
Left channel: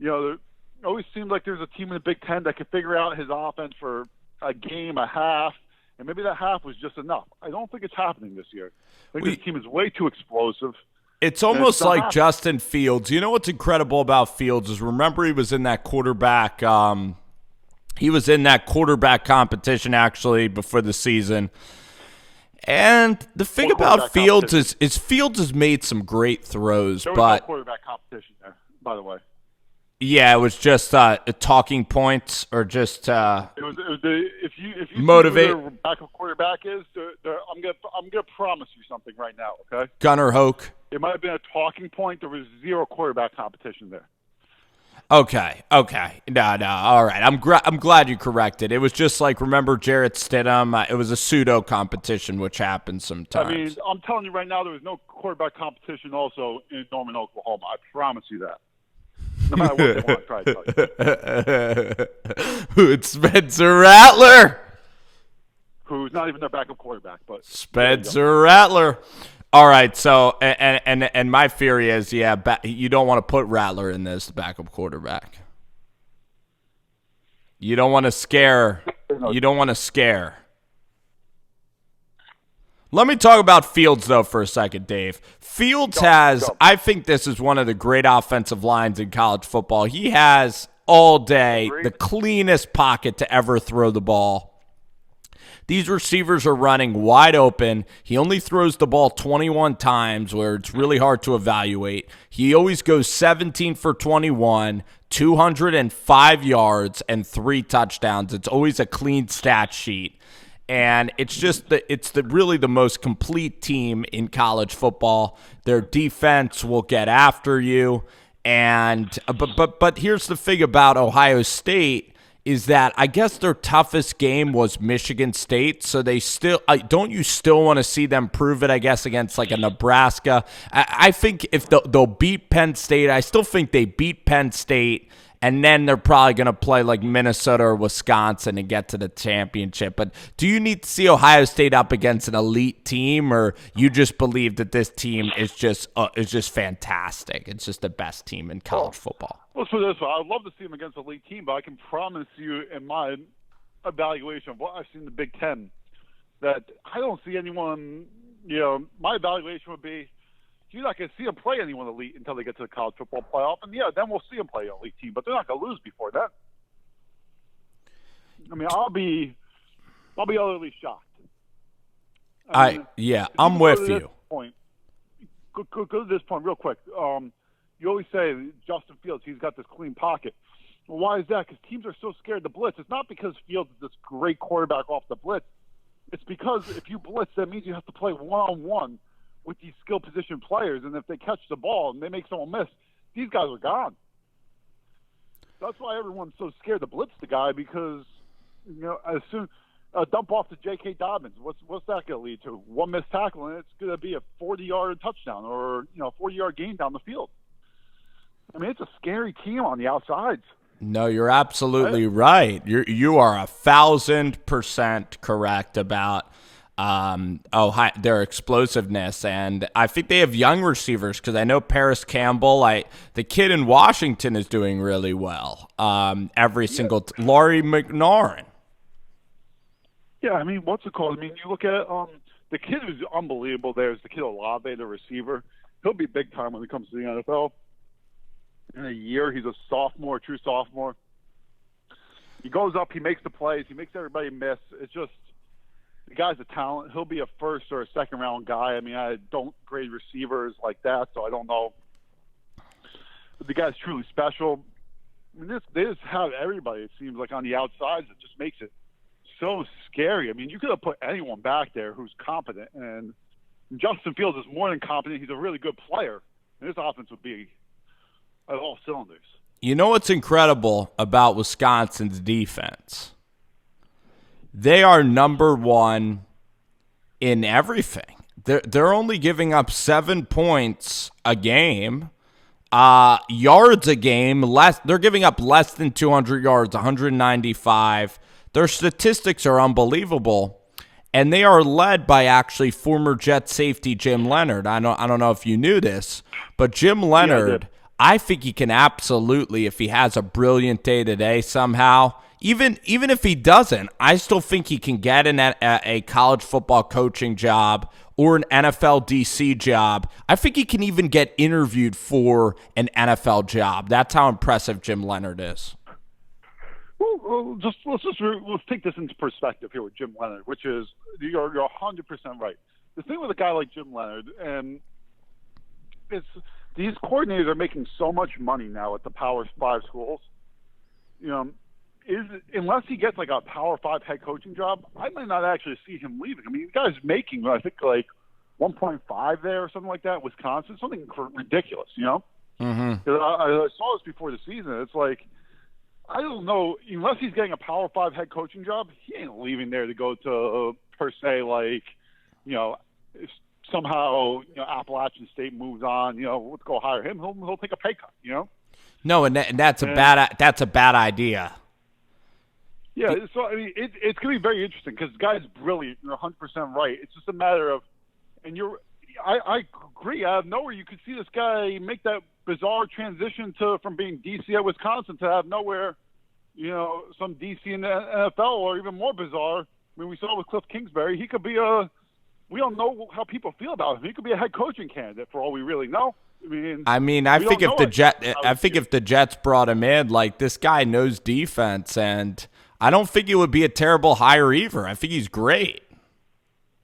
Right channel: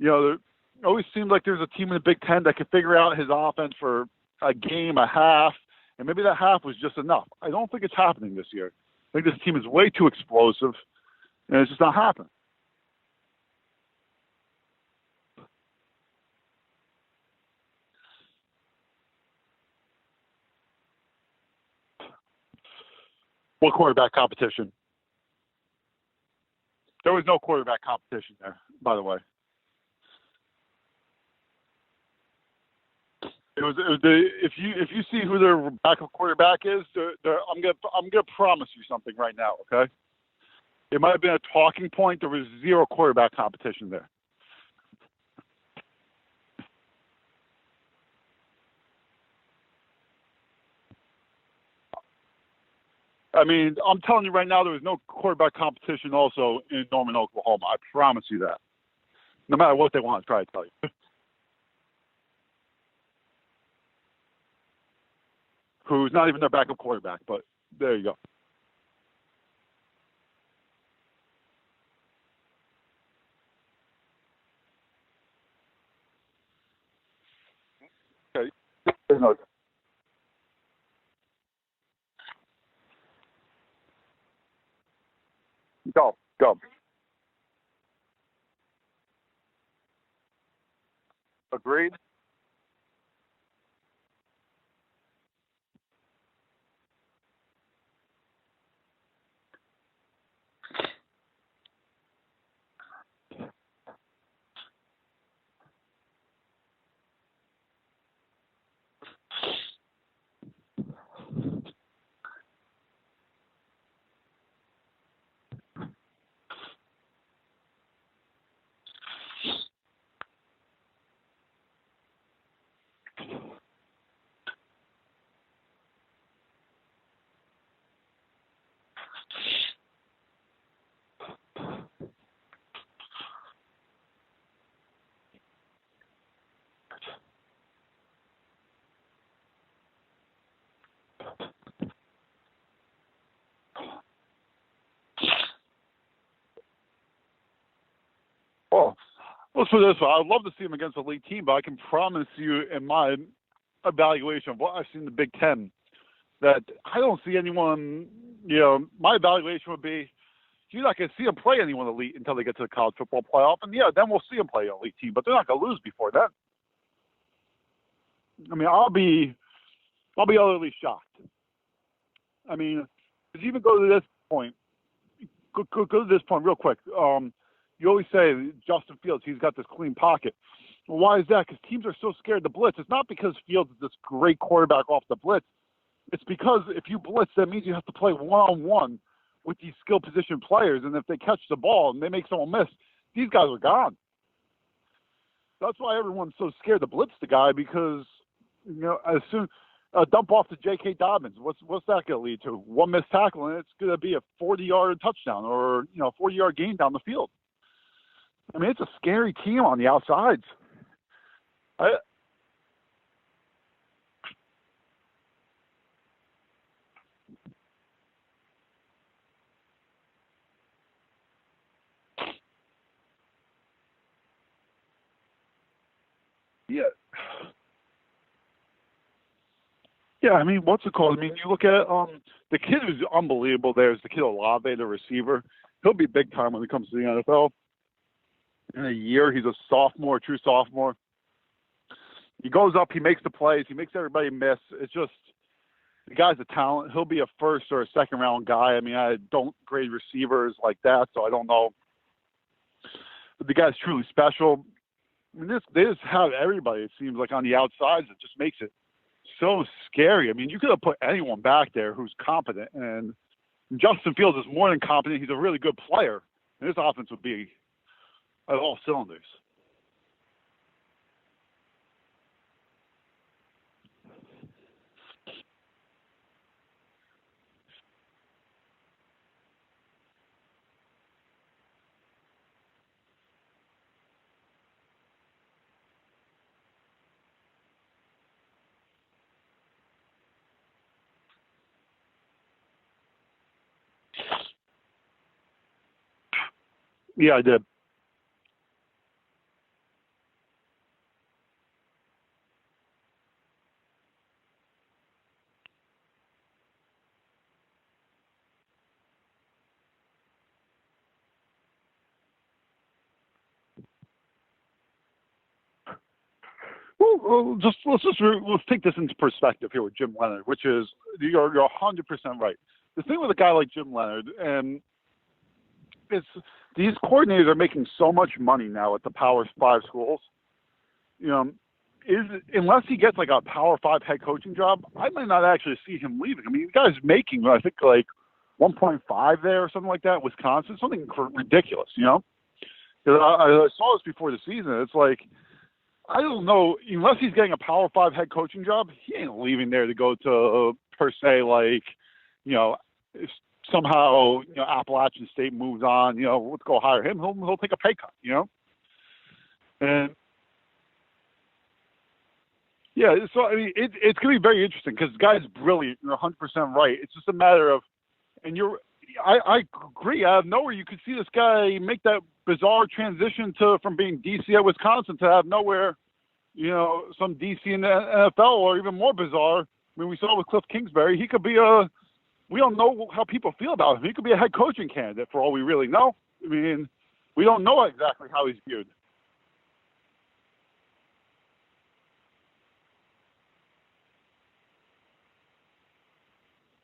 It always seems like there's a team in the Big Ten that can figure out his offense for a game, a half, and maybe that half was just enough. I don't think it's happening this year. I think this team is way too explosive. It's almost like Justin Fields. You know what's incredible about Fields is, remember, he was in that quarterback He was in that quarterback competition, actually, before the season. And the thing about Fields is Fields has made some great throws. There was no quarterback competition there, by the way. Yeah, it was just talking points, or just it was if you motivate. See who their backup quarterback is, I'm gonna promise you something right now, okay? Gunnar Hoke. It might have been a talking point. There was zero quarterback competition there. Okay. No. All right. I'm glad you corrected. It was just like, remember Jarrett Stidham? It was a pseudo competition, which happens I mean, sometimes. I'm telling you right now, there was no quarterback competition also in Norman, Oklahoma. I promise you that. No matter what they want to try to tell you. It's Spencer Rattler. Who's not even their backup quarterback, but there you go. Spencer Rattler. All right, so and my theory is, you don't want to put Rattler in this backup quarterback. You don't want to scare. You don't want to scare. Let me talk about Fields, though, for a second, Dave. Fields I think this is one of the great offensive lines in college football. He has all day the cleanest pocket to ever throw the ball. These receivers are running wide open. He only throws the ball 21 times, where it's really hard to evaluate. He always goes 17 for 21, 205 yards, and 3 touchdowns. It's always a clean stat sheet. And it's just really the most complete team in college football. Their defense will get after you. And but here's the thing about Ohio State is that I guess their toughest game was Michigan State, so they still don't you still want to see them prove it, I guess, against like a Nebraska? I think if they'll beat Penn State, I still think they beat Penn State, and then they're probably going to play like Minnesota or Wisconsin and get to the championship. But do you need to see Ohio State up against an elite team, or you just believe that this team is just fantastic? It's just the best team in college football. Let's put it this way. I'd love to see them against an elite team, but I can promise you in my evaluation of what I've seen in the Big Ten that I don't see anyone, my evaluation would be, you're not going to see them play anyone elite until they get to the college football playoff. And, then we'll see them play an elite team, but they're not going to lose before that. I mean, I'll be utterly shocked. I'm with you. Go to this point real quick. You always say Justin Fields, he's got this clean pocket. Well, why is that? Because teams are so scared to blitz. It's not because Fields is this great quarterback off the blitz. It's because if you blitz, that means you have to play one-on-one with these skill position players, and if they catch the ball and they make someone miss, these guys are gone. That's why everyone's so scared to blitz the guy, because as soon dump off to J.K. Dobbins, what's that going to lead to? One missed tackle, and it's going to be a 40-yard touchdown or 40-yard gain down the field. I mean, it's a scary team on the outsides. No, you're absolutely right. You are 1,000% correct about their explosiveness, and I think they have young receivers, because I know Paris Campbell, the kid in Washington is doing really well. Single Laurie McNaurin. Yeah, I mean, what's it called? I mean, you look at the kid who's unbelievable. There's the kid Olave, the receiver. He'll be big time when he comes to the NFL. In a year, he's a sophomore, true sophomore. He goes up, he makes the plays, he makes everybody miss. It's just, the guy's a talent. He'll be a first or a second round guy. I mean, I don't grade receivers like that, so I don't know. But the guy's truly special. I mean, they just have everybody, it seems like, on the outsides. It just makes it so scary. I mean, you could have put anyone back there who's competent, and Justin Fields is more than competent. He's a really good player. And his offense would be at all cylinders. You know what's incredible about Wisconsin's defense? They are number one in everything. They're only giving up 7 points a game, yards a game. They're giving up less than 200 yards, 195. Their statistics are unbelievable, and they are led by actually former Jet safety Jim Leonhard. I don't know if you knew this, but Jim Leonhard. Yeah, I did. I think he can absolutely, if he has a brilliant day today somehow, even if he doesn't, I still think he can get a college football coaching job or an NFL DC job. I think he can even get interviewed for an NFL job. That's how impressive Jim Leonhard is. Well, let's take this into perspective here with Jim Leonhard, which is you're 100% right. The thing with a guy like Jim Leonhard, and it's these coordinators are making so much money now at the Power 5 schools. Unless he gets like a Power 5 head coaching job, I might not actually see him leaving. I mean, the guy's making, I think, like 1.5 there or something like that, Wisconsin, something ridiculous, Mm-hmm. 'Cause I saw this before the season. It's like, I don't know, unless he's getting a Power 5 head coaching job, he ain't leaving there to go to, per se, like, if somehow, Appalachian State moves on, let's go hire him. He'll take a pay cut, No, and that's a bad idea. Yeah, so I mean, it's going to be very interesting because the guy's brilliant. You're 100% right. It's just a matter of, and I agree. Out of nowhere, you could see this guy make that bizarre transition from being DC at Wisconsin to out of nowhere, some DC in the NFL, or even more bizarre. I mean, we saw with Cliff Kingsbury, he could be we don't know how people feel about him. He could be a head coaching candidate for all we really know. I think if the Jets brought him in, like, this guy knows defense, and I don't think it would be a terrible hire either. I think he's great.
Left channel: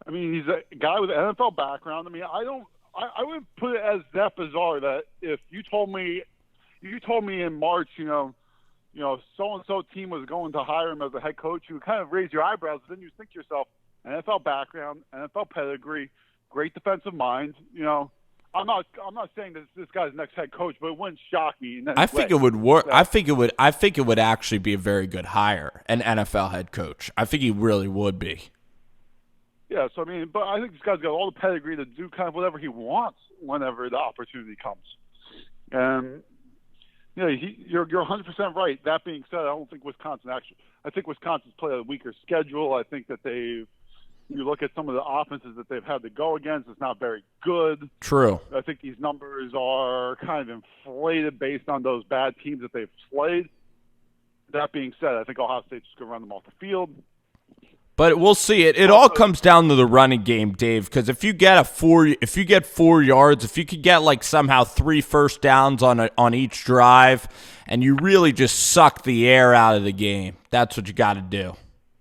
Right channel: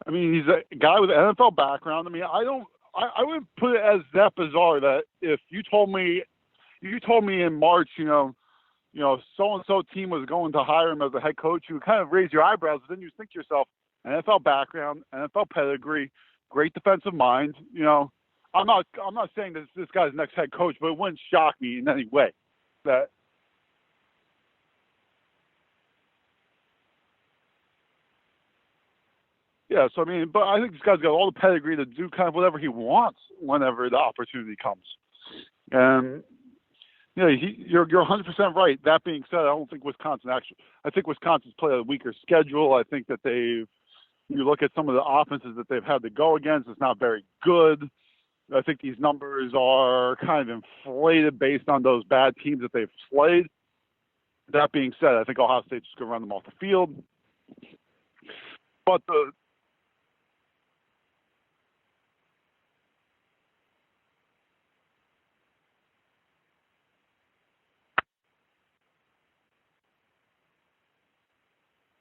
I mean, he's a guy with an NFL background. I mean, I wouldn't put it as that bizarre that if you told me in March, so and so team was going to hire him as a head coach, you would kind of raise your eyebrows. Then you think to yourself, NFL background, NFL pedigree, great defensive mind. I'm not saying this guy's next head coach, but it wouldn't shock me in any way. I think it would work. I think it would actually be a very good hire, an NFL head coach. I think he really would be. Yeah, so I mean, but I think this guy's got all the pedigree to do kind of whatever he wants whenever the opportunity comes. And you're 100% right. That being said, I think Wisconsin's played a weaker schedule. I think that you look at some of the offenses that they've had to go against, it's not very good. True. I think these numbers are kind of inflated based on those bad teams that they've played. That being said, I think Ohio State's just going to run them off the fild. But we'll see. It all comes down to the running game, Dave, because if you get 4 yards, if you could get like somehow 3 first downs on each drive, and you really just suck the air out of the game, that's what you got to do.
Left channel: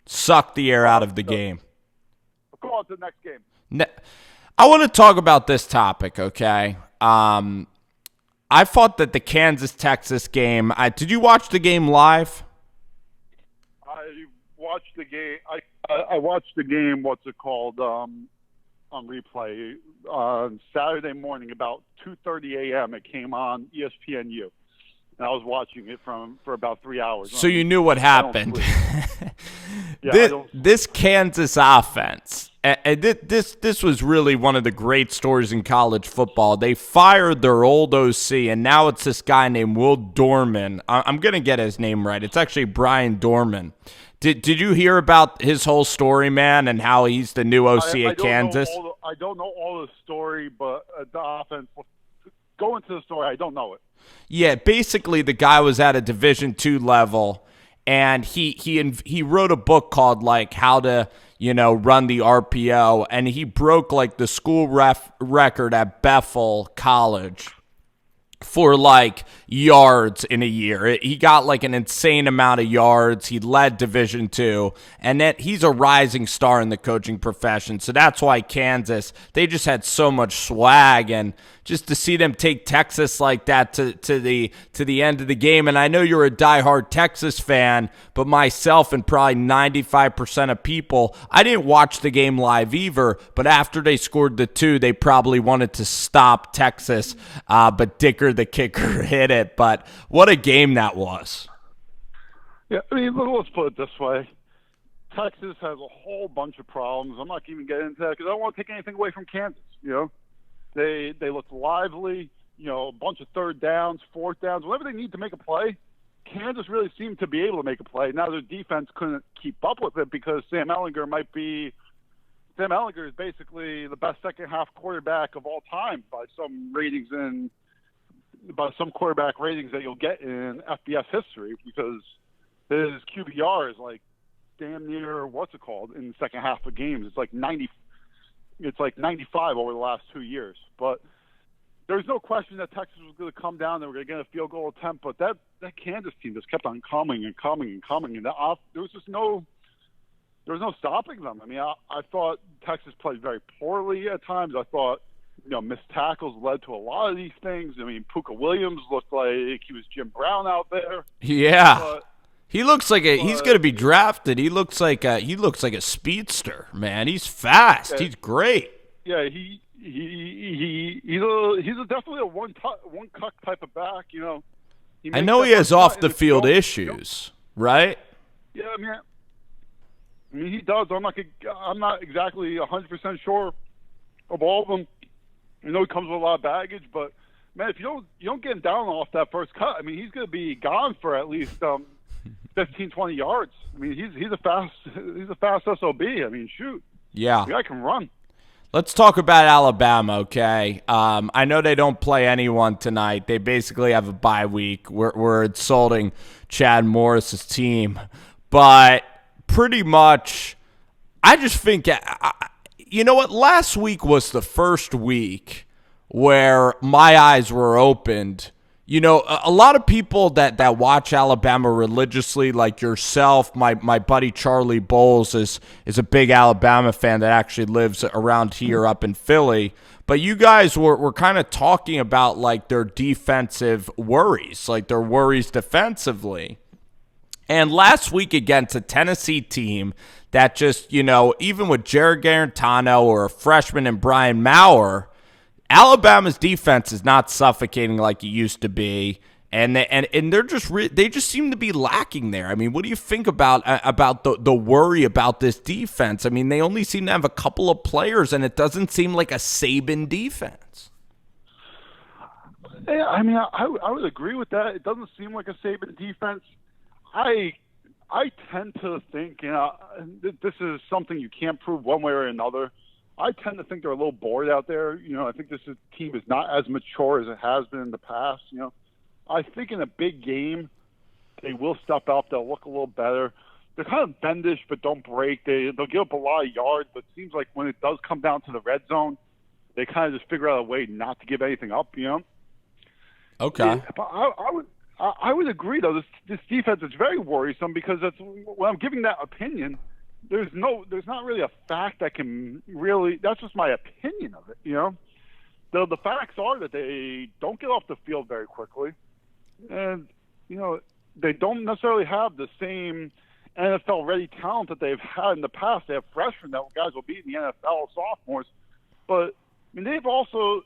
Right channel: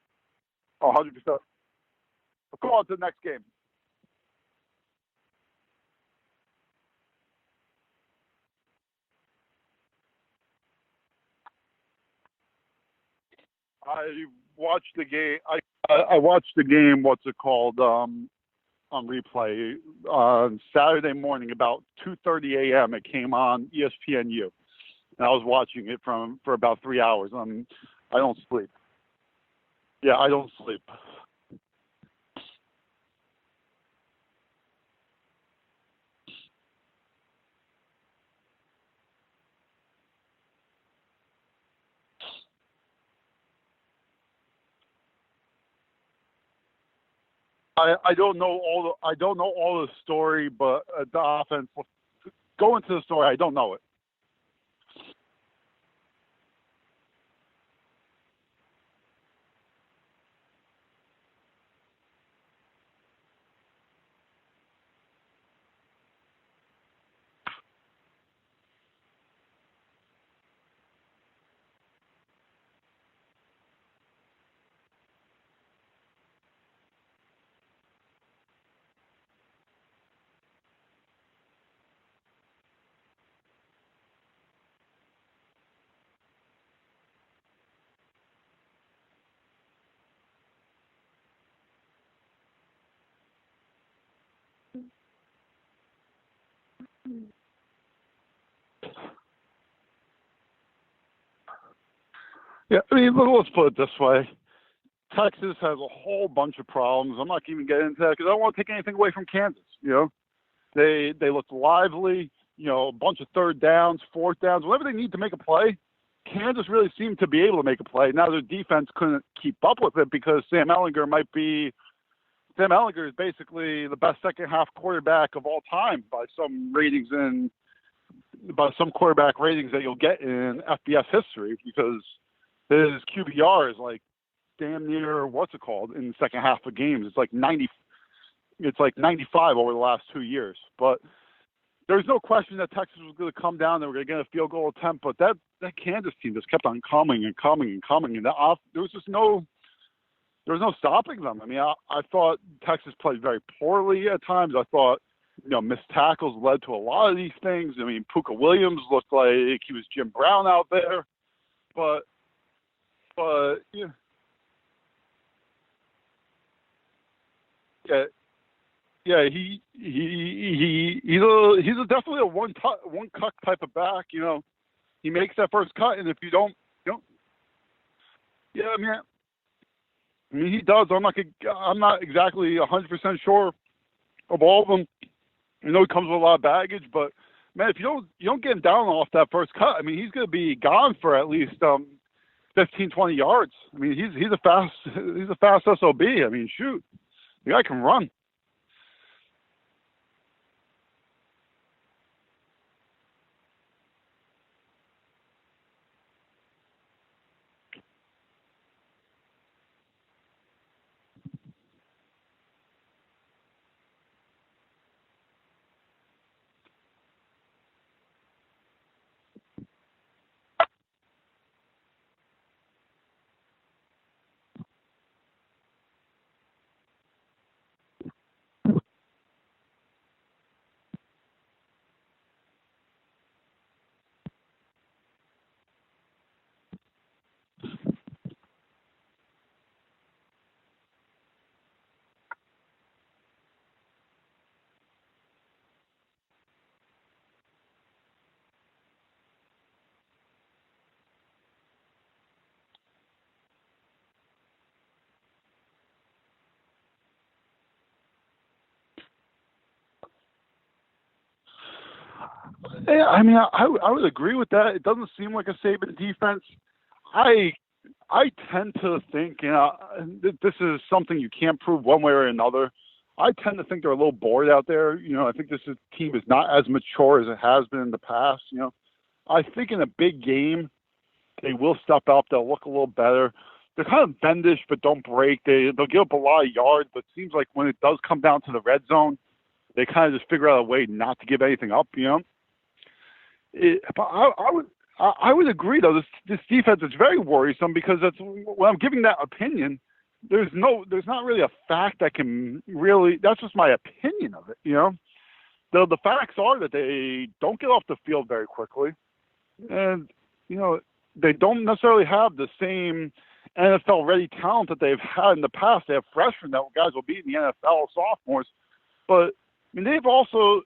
Suck the air out of the game. Go on to the next game. I want to talk about this topic, okay? I thought that the Kansas-Texas game – did you watch the game live? I watched the game. I watched the game, on replay. On Saturday morning, about 2:30 a.m., it came on ESPNU. And I was watching it for about 3 hours. So you knew what happened. Yeah, this Kansas offense, and this was really one of the great stories in college football. They fired their old OC, and now it's this guy named Will Dorman. I'm going to get his name right. It's actually Brian Dorman. Did you hear about his whole story, man, and how he's the new OC at Kansas? I don't know all the story, but the offense, go into the story, I don't know it. Yeah, basically the guy was at a Division II level, and he wrote a book called like How to Run the RPO, and he broke like the school record at Bethel College for like yards in a year. He got like an insane amount of yards. He led Division II, and that he's a rising star in the coaching profession. So that's why Kansas, they just had so much swag, and just to see them take Texas like that to the end of the game. And I know you're a diehard Texas fan, but myself and probably 95% of people, I didn't watch the game live either, but after they scored the 2, they probably wanted to stop Texas, but Dicker the kicker hit it. But what a game that was. Yeah, I mean, let's put it this way. Texas has a whole bunch of problems. I'm not even getting into that because I don't want to take anything away from Kansas, They looked lively, a bunch of third downs, fourth downs. Whenever they need to make a play, Kansas really seemed to be able to make a play. Now their defense couldn't keep up with it because Sam Ehlinger is basically the best second-half quarterback of all time by some quarterback ratings that you'll get in FBS history because his QBR is like damn near, in the second half of games. It's like 90. It's like 95 over the last 2 years. But there's no question that Texas was going to come down. They were going to get a field goal attempt. But that Kansas team just kept on coming and coming and coming. And there was no stopping them. I mean, I thought Texas played very poorly at times. I thought, missed tackles led to a lot of these things. I mean, Puka Williams looked like he was Jim Brown out there. Yeah. But he looks like he's going to be drafted. He looks like a speedster, man. He's fast. Yeah. He's great. Yeah, he's definitely a one cut type of back. You know, he I makes know that he has first cut, off and the if you field don't, issues, right? yeah, I mean, he does. I'm not exactly 100% sure of all of them. You know, he comes with a lot of baggage, but man, if you don't get him down off that first cut, I mean, he's going to be gone for at least 15, 20 yards. I mean, he's a fast SOB. I mean, shoot, Yeah. the guy can run. Let's talk about Alabama, okay? I know they don't play anyone tonight. They basically have a bye week. We're insulting Chad Morris's team, but pretty much, I just think, you know what? Last week was the first week where my eyes were opened. You know, a lot of people that watch Alabama religiously, like yourself, my buddy Charlie Bowles is a big Alabama fan that actually lives around here up in Philly. But you guys were kind of talking about like their defensive worries, like their worries defensively. And last week against a Tennessee team that just, you know, even with Jared Garantano or a freshman and Brian Maurer, Alabama's defense is not suffocating like it used to be, and they're just they just seem to be lacking there. I mean, what do you think about the worry about this defense? I mean, they only seem to have a couple of players, and it doesn't seem like a Saban defense. Yeah, I mean, I would agree with that. It doesn't seem like a Saban defense. I tend to think, you know, this is something you can't prove one way or another. I tend to think they're a little bored out there. You know, I think team is not as mature as it has been in the past. You know, I think in a big game, they will step up. They'll look a little better. They're kind of bendish, but don't break. They'll give up a lot of yards, but it seems like when it does come down to the red zone, they kind of just figure out a way not to give anything up. You know. Okay. But I would agree though. This defense is very worrisome because when I'm giving that opinion, there's not really a fact that can really. That's just my opinion of it. You know, the facts are that they don't get off the field very quickly, and you know they don't necessarily have the same NFL ready talent that they've had in the past. They have freshmen that guys will be in the NFL, sophomores, but I mean they've also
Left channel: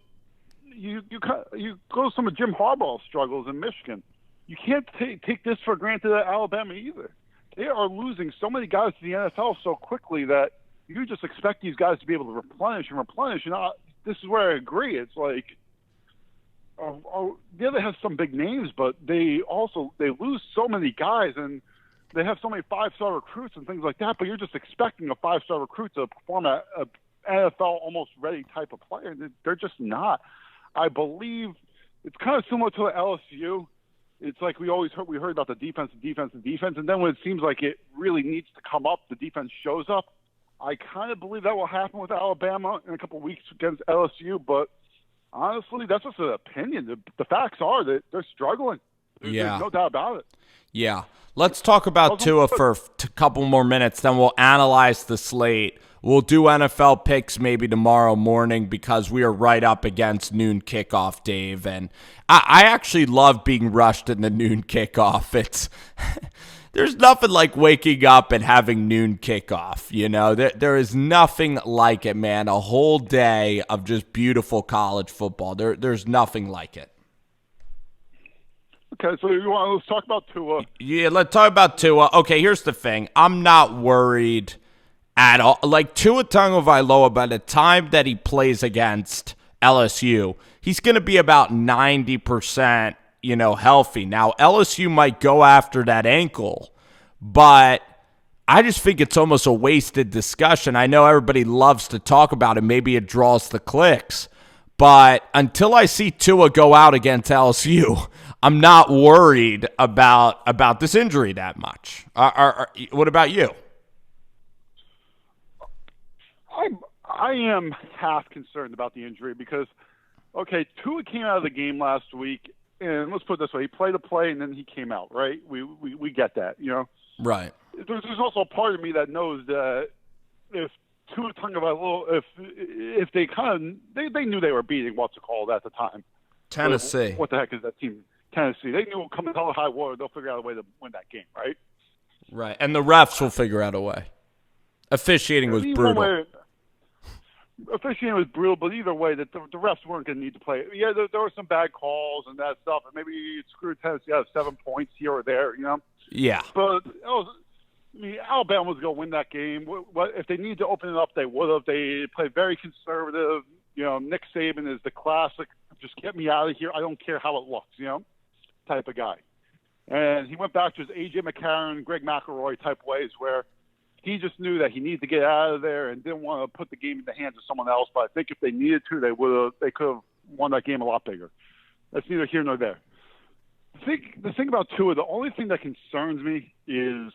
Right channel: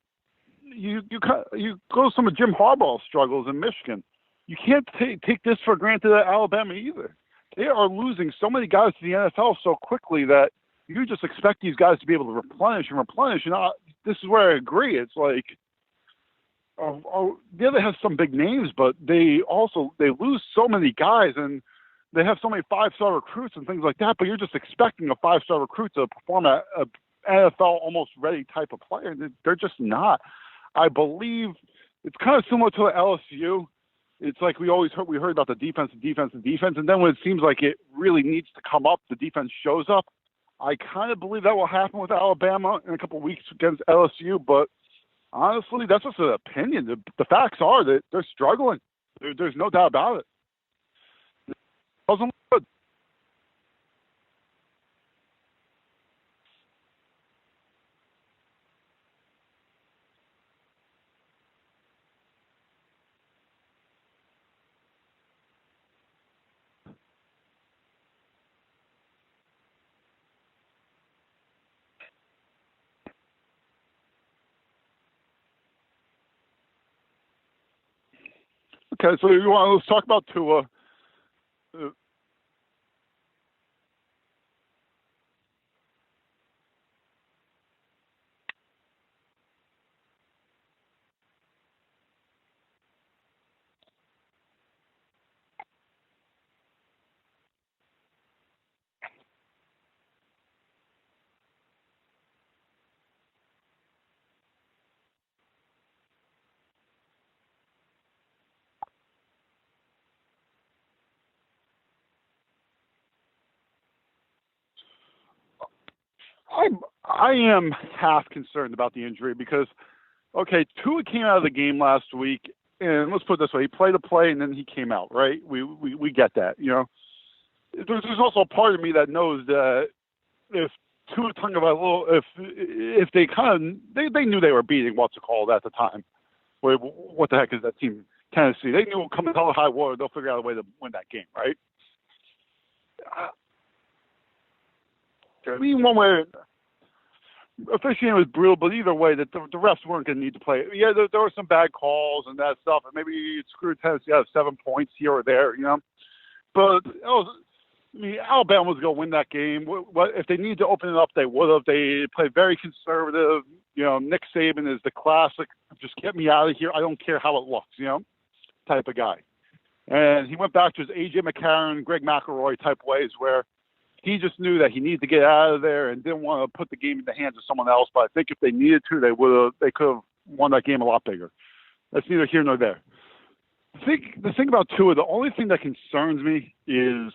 you go to some of Jim Harbaugh's struggles in Michigan. You can't take this for granted at Alabama either. They are losing so many guys to the NFL so quickly that you just expect these guys to be able to replenish. And this is where I agree. It's like, the other has some big names, but they lose so many guys, and they have so many 5-star recruits and things like that. But you're just expecting a 5-star recruit to perform at a NFL almost ready type of player. They're just not. I believe it's kind of similar to LSU. It's like we heard about the defense, and then when it seems like it really needs to come up, the defense shows up. I kind of believe that will happen with Alabama in a couple of weeks against LSU, but honestly, that's just an opinion. The facts are that they're struggling. There's no doubt about it. Yeah. Let's talk about Tua for a couple more minutes, then we'll analyze the slate. We'll do NFL picks maybe tomorrow morning because we are right up against noon kickoff, Dave. And I actually love being rushed in the noon kickoff. There's nothing like waking up and having noon kickoff. You know, there is nothing like it, man. A whole day of just beautiful college football. There's nothing like it. Okay, so let's talk about Tua. Yeah, let's talk about Tua. Okay, here's the thing. I'm not worried at all. Like Tua Tagovailoa, by the time that he plays against LSU, he's going to be about 90%, healthy. Now, LSU might go after that ankle, but I just think it's almost a wasted discussion. I know everybody loves to talk about it. Maybe it draws the clicks, but until I see Tua go out against LSU, I'm not worried about this injury that much. What about you? I am half concerned about the injury because, okay, Tua came out of the game last week, and let's put it this way: he played a play and then he came out. Right? We get that, Right. There's also a part of me that knows that if Tua Tagovailoa, if they they knew they were beating what's it called at the time, Tennessee. What the heck is that team? Tennessee. They knew coming hell or high water, they'll figure out a way to win that game, right? Right, and the refs will figure out a way. Officiating was one brutal. way. officiating was brutal, but either way, that the refs weren't going to need to play. Yeah, there were some bad calls and that stuff, and maybe it screwed Tennessee out of 7 points here or there, you know. Yeah. But Alabama was going to win that game. What if they needed to open it up? They would have. They played very conservative. You know, Nick Saban is the classic, just get me out of here. I don't care how it looks, you know, type of guy. And he went back to his A.J. McCarron, Greg McElroy type ways where he just knew that he needed to get out of there and didn't want to put the game in the hands of someone else. But I think if they needed to, they could have won that game a lot bigger. That's neither here nor there. I think the thing about Tua, the only thing that concerns me is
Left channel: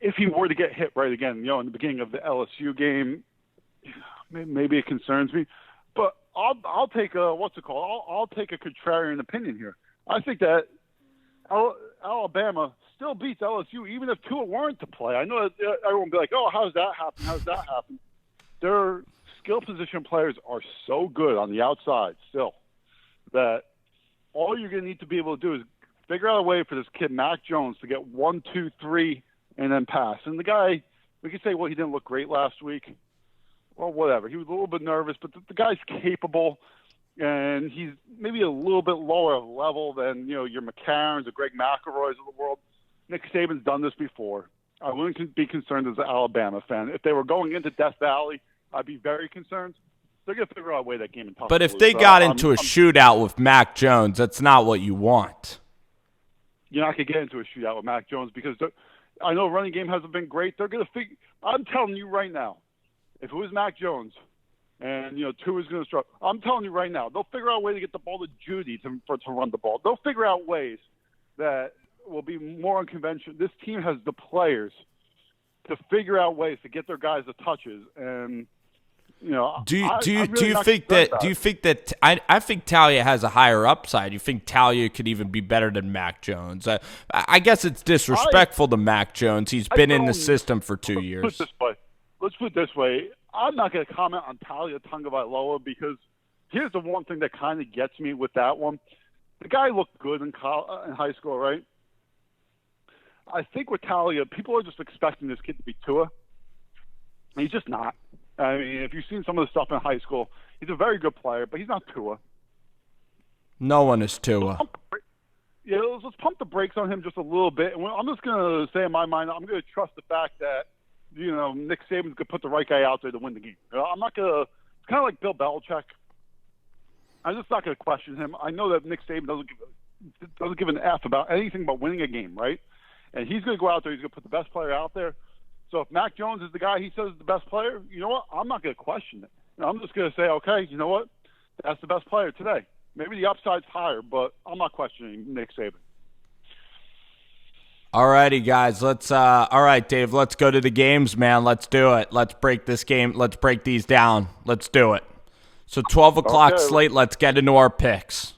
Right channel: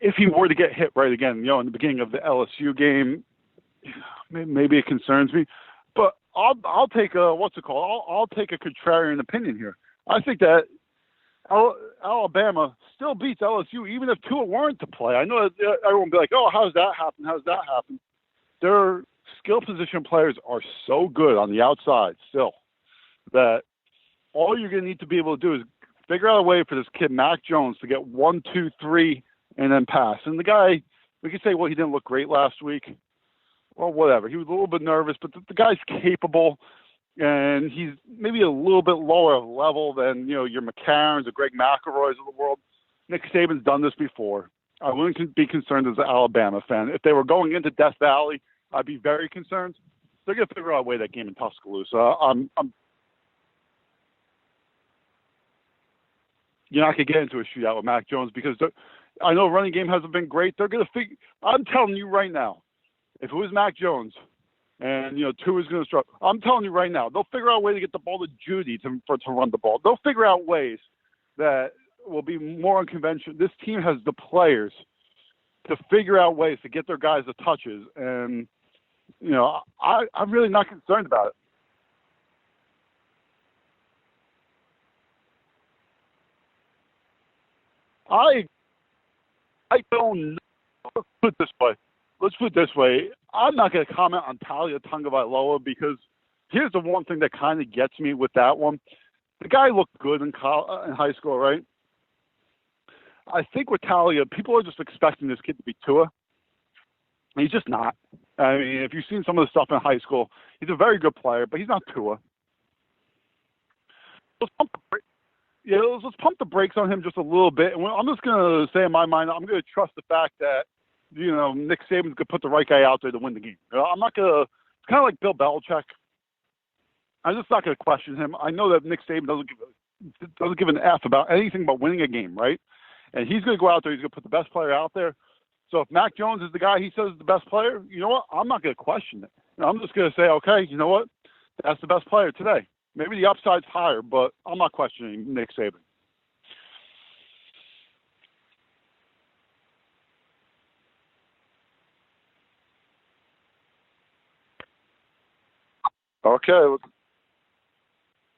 if he were to get hit right again, you know, in the beginning of the LSU game, maybe it concerns me. But I'll take I'll take a contrarian opinion here. I think that Alabama still beats LSU even if Tua weren't to play. I know that everyone will be like, oh, how's that happen? How's that happen? Their skill position players are so good on the outside still that all you're going to need to be able to do is figure out a way for this kid, Mac Jones, to get 1, 2, 3, and then pass. And the guy, we could say, well, he didn't look great last week. Well, whatever. He was a little bit nervous, but the guy's capable, and he's maybe a little bit lower level than, you know, your McCarrons or Greg McElroys of the world. Nick Saban's done this before. I wouldn't be concerned as an Alabama fan. If they were going into Death Valley, I'd be very concerned. They're going to figure out a way that game in Tuscaloosa. But if they got into a shootout with Mac Jones, that's not what you want. You're not going to get into a shootout with Mac Jones because I know running game hasn't been great. They're going to figure. I'm telling you right now, if it was Mac Jones and, you know, Tua's going to struggle, I'm telling you right now, they'll figure out a way to get the ball to Judy to run the ball. They'll figure out ways that will be more unconventional. This team has the players to figure out ways to get their guys the touches. And, you know, I think Talia has a higher upside. You think Talia could even be better than Mac Jones? I guess it's disrespectful to Mac Jones. He's been in the system for 2 years. Let's put it this way. I'm not going to comment on Talia Tagovailoa because here's the one thing that kind of gets me with that one. The guy looked good in high school, right? I think with Talia, people are just expecting this kid to be Tua. He's just not. I mean, if you've seen some of the stuff in high school, he's a very good player, but he's not Tua. No one is Tua. Yeah, let's pump the brakes on him just a little bit. And I'm just going to say in my mind, I'm going to trust the fact that, you know, Nick Saban's going to put the right guy out there to win the game. I'm not going to – it's kind of like Bill Belichick. I'm just not going to question him. I know that Nick Saban doesn't give an F about anything but winning a game, right? And he's going to go out there. He's going to put the best player out there. So if Mac Jones is the guy he says is the best player, you know what? I'm not going to question it. I'm just going to say, okay, you know what? That's the best player today. Maybe the upside's higher, but I'm not questioning Nick Saban. All righty, guys. All right, Dave, let's go to the games, man. Let's do it. Let's break this game. Let's break these down. Let's do it. So 12 o'clock slate, let's get into our picks.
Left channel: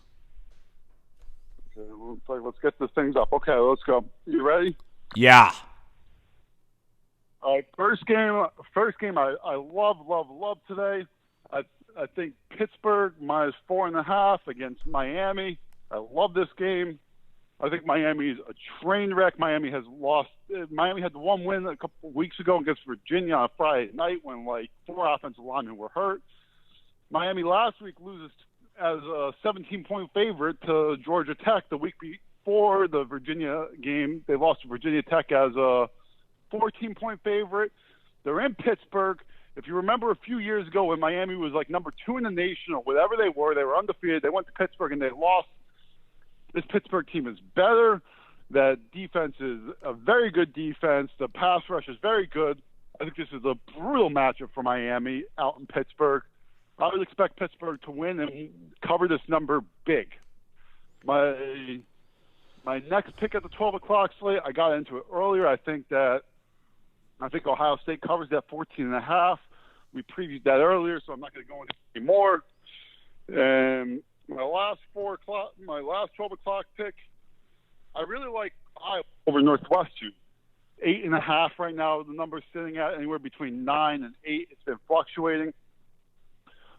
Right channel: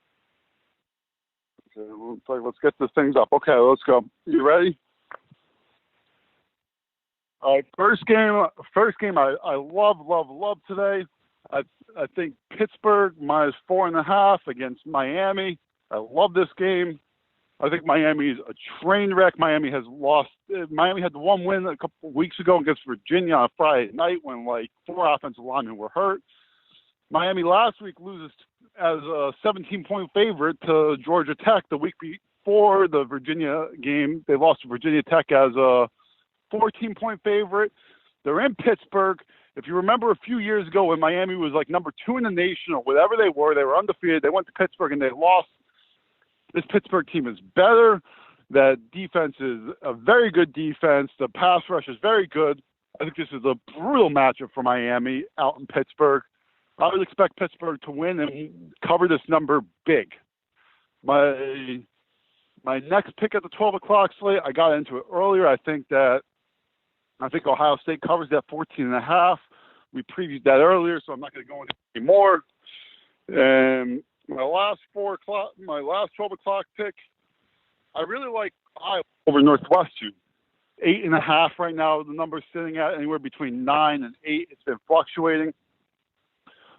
Okay, let's get this things up. Okay, let's go. You ready? Yeah. All right, first game I love today. I think Pittsburgh -4.5 against Miami. I love this game. I think Miami's a train wreck. Miami had the one win a couple of weeks ago against Virginia on Friday night when like 4 offensive linemen were hurt. Miami last week loses as a 17-point favorite to Georgia Tech. The week before the Virginia game, they lost to Virginia Tech as a 14-point favorite. They're in Pittsburgh. If you remember a few years ago when Miami was like number 2 in the nation or whatever they were undefeated. They went to Pittsburgh and they lost. This Pittsburgh team is better. That defense is a very good defense. The pass rush is very good. I think this is a brutal matchup for Miami out in Pittsburgh. I would expect Pittsburgh to win and cover this number big. My next pick at the 12 o'clock slate, I got into it earlier. I think Ohio State covers that 14.5. We previewed that earlier, so I'm not going to go into it anymore. And my last 12 o'clock pick, I really like Iowa over Northwestern. 8.5 right now. The number's sitting at anywhere between 9 and 8. It's been fluctuating.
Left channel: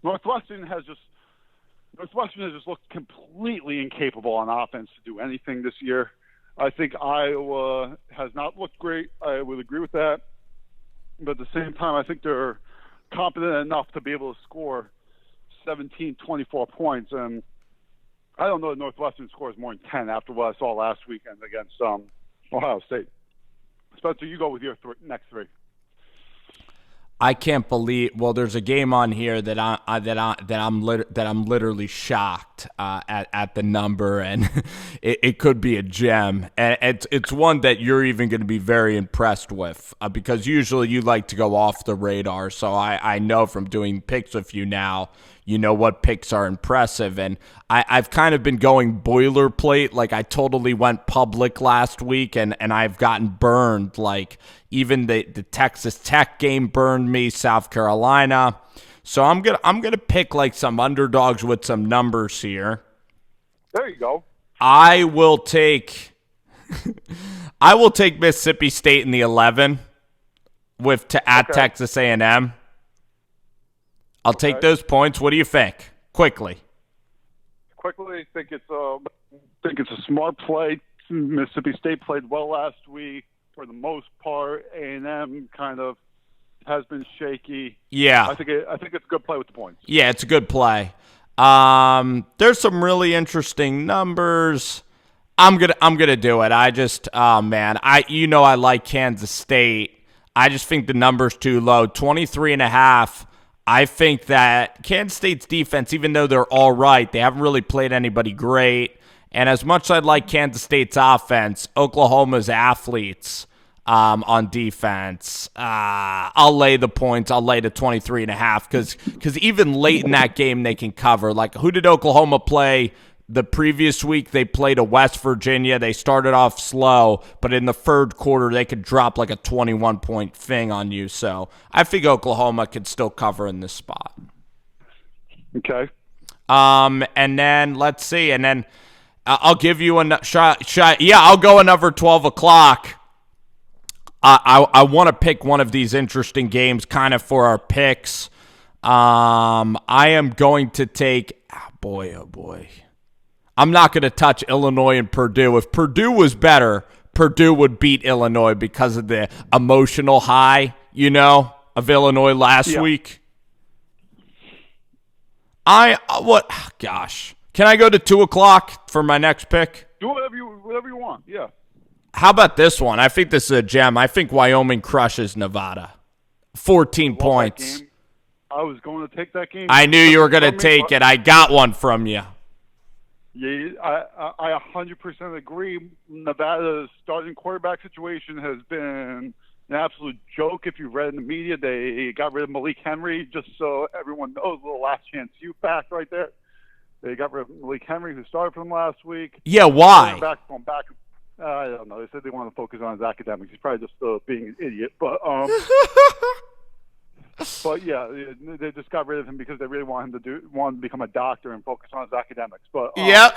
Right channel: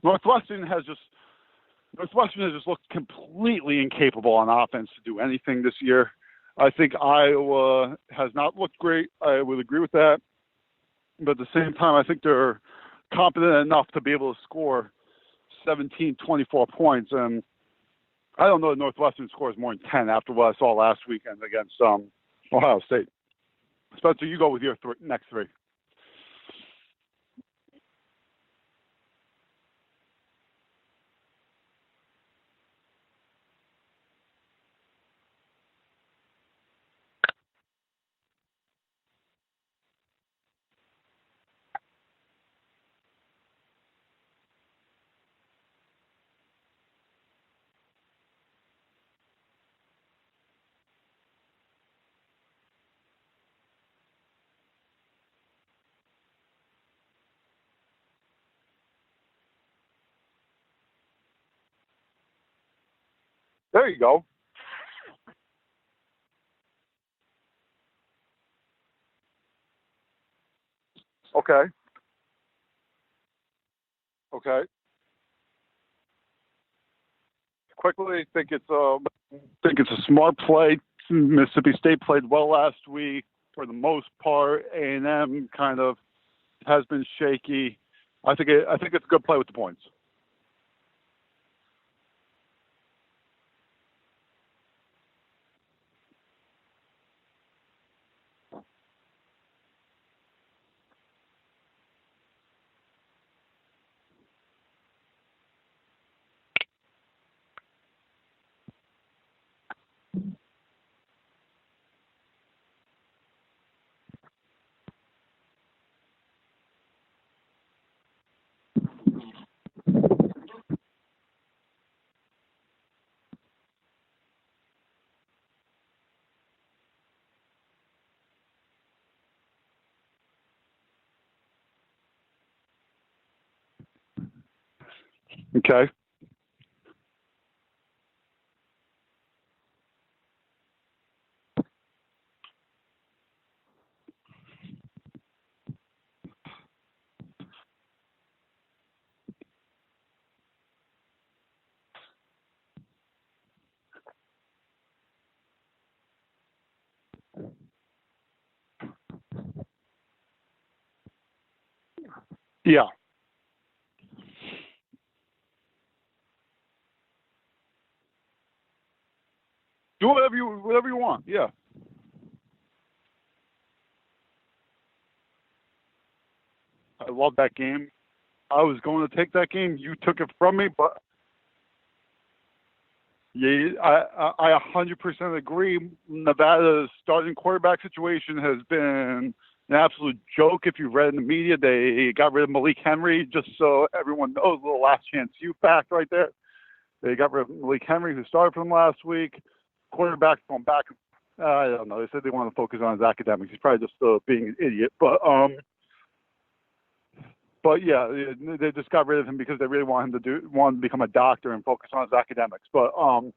Northwestern has just looked completely incapable on offense to do anything this year. I think Iowa has not looked great. I would agree with that. But at the same time, I think they're confident enough to be able to score 17, 24 points. And I don't know that Northwestern scores more than 10 after what I saw last weekend against Ohio State. Spencer, you go with your next three. I can't believe. Well, there's a game on here that I'm literally shocked at the number, and it could be a gem, and it's one that you're even going to be very impressed with because usually you like to go off the radar. So I know from doing picks with you now, you know what picks are impressive, and I've kind of been going boilerplate. Like I totally went public last week, and I've gotten burned. Like even the Texas Tech game burned me, South Carolina. So I'm gonna pick like some underdogs with some numbers here. There you go. I will take Mississippi State in the 11 at Texas A&M. I'll take those points. What do you think? Quickly, I think it's a smart play. Mississippi State played well last week for the most part. A&M kind of has been shaky. Yeah, I think it's a good play with the points. Yeah, it's a good play. There's some really interesting numbers. I'm gonna do it. I just I like Kansas State. I just think the number's too low. 23.5. I think that Kansas State's defense, even though they're all right, they haven't really played anybody great. And as much as I'd like Kansas State's offense, Oklahoma's athletes on defense, I'll lay the points. I'll lay the 23.5 because even late in that game they can cover. Like, who did Oklahoma play the previous week? They played a West Virginia. They started off slow, but in the third quarter they could drop like a 21-point thing on you. So I think Oklahoma could still cover in this spot. Okay. And then let's see. And then I'll give you a shot. Yeah, I'll go another 12 o'clock. I want to pick one of these interesting games kind of for our picks. I am going to take – oh, boy. I'm not going to touch Illinois and Purdue. If Purdue was better, Purdue would beat Illinois because of the emotional high, of Illinois last week. Gosh. Can I go to 2 o'clock for my next pick? Do whatever you want, yeah. How about this one? I think this is a gem. I think Wyoming crushes Nevada. 14 points. That game. I was going to take that game. I knew you were going to take it. I got one from you. Yeah, I 100% agree. Nevada's starting quarterback situation has been an absolute joke. If you've read in the media, they got rid of Malik Henry, just so everyone knows, a little last chance you fact right there. They got rid of Malik Henry, who started for them last week. Yeah, why? Quarterback's going back. I don't know. They said they wanted to focus on his academics. He's probably just being an idiot. But but yeah, they just got rid of him because they really want him to become a doctor and focus on his academics. But yep,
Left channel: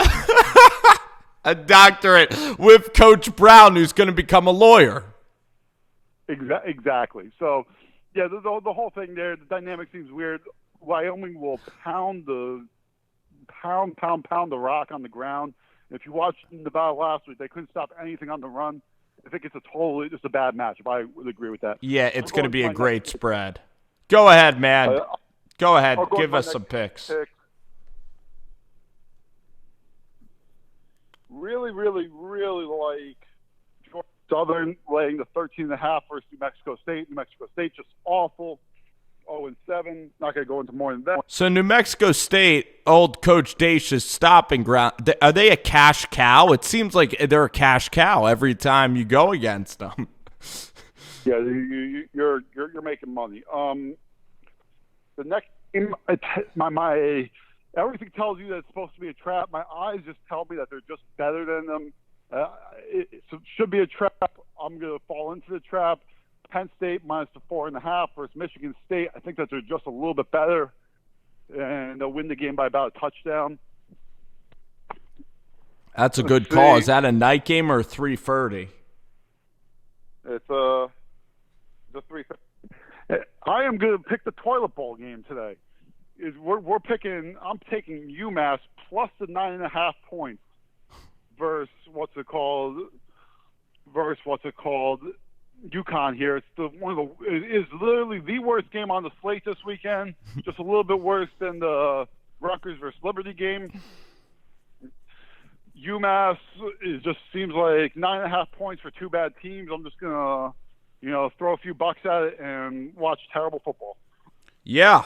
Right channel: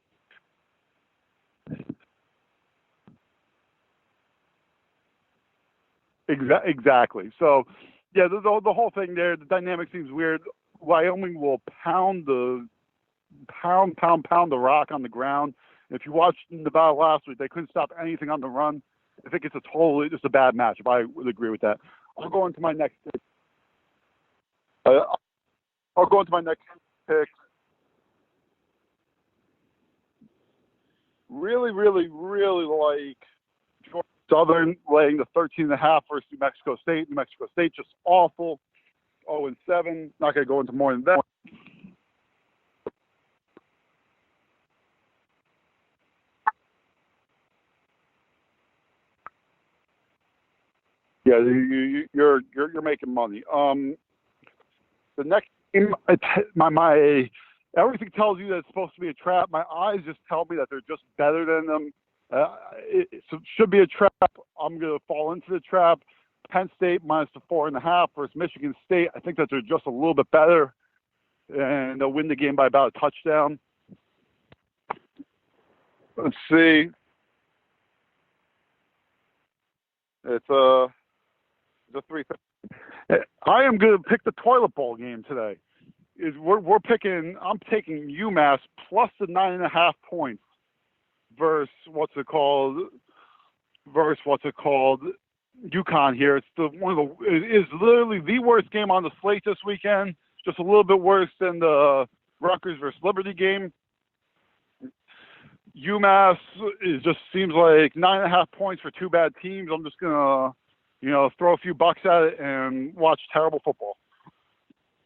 a doctorate with Coach Brown, who's going to become a lawyer. Exactly. So yeah, the whole thing there, the dynamic seems weird. Wyoming will pound the rock on the ground. If you watched Nevada last week, they couldn't stop anything on the run. I think it's just a bad matchup. I would agree with that. Yeah, it's going to be a great spread. Go ahead, man. Go ahead. Give us some picks. Really, really, really like Southern laying the 13.5 versus New Mexico State. New Mexico State just awful. 0-7. Not going to go into more than that. So New Mexico State, old Coach Daish's stopping ground. Are they a cash cow? It seems like they're a cash cow every time you go against them. Yeah, you're making money. The next game, my everything tells you that it's supposed to be a trap. My eyes just tell me that they're just better than them. It should be a trap. I'm going to fall into the trap. Penn State minus the 4.5 versus Michigan State. I think that they're just a little bit better, and they'll win the game by about a touchdown. That's a good call. Is that a night game or 3:30? It's the 3:30. I am going to pick the toilet bowl game today. We're picking. I'm taking UMass plus the 9.5 points versus what's it called? UConn here. It's it is literally the worst game on the slate this weekend. Just a little bit worse than the Rutgers versus Liberty game. UMass just seems like 9.5 points for two bad teams. I'm just gonna, throw a few bucks at it and watch terrible football. Yeah.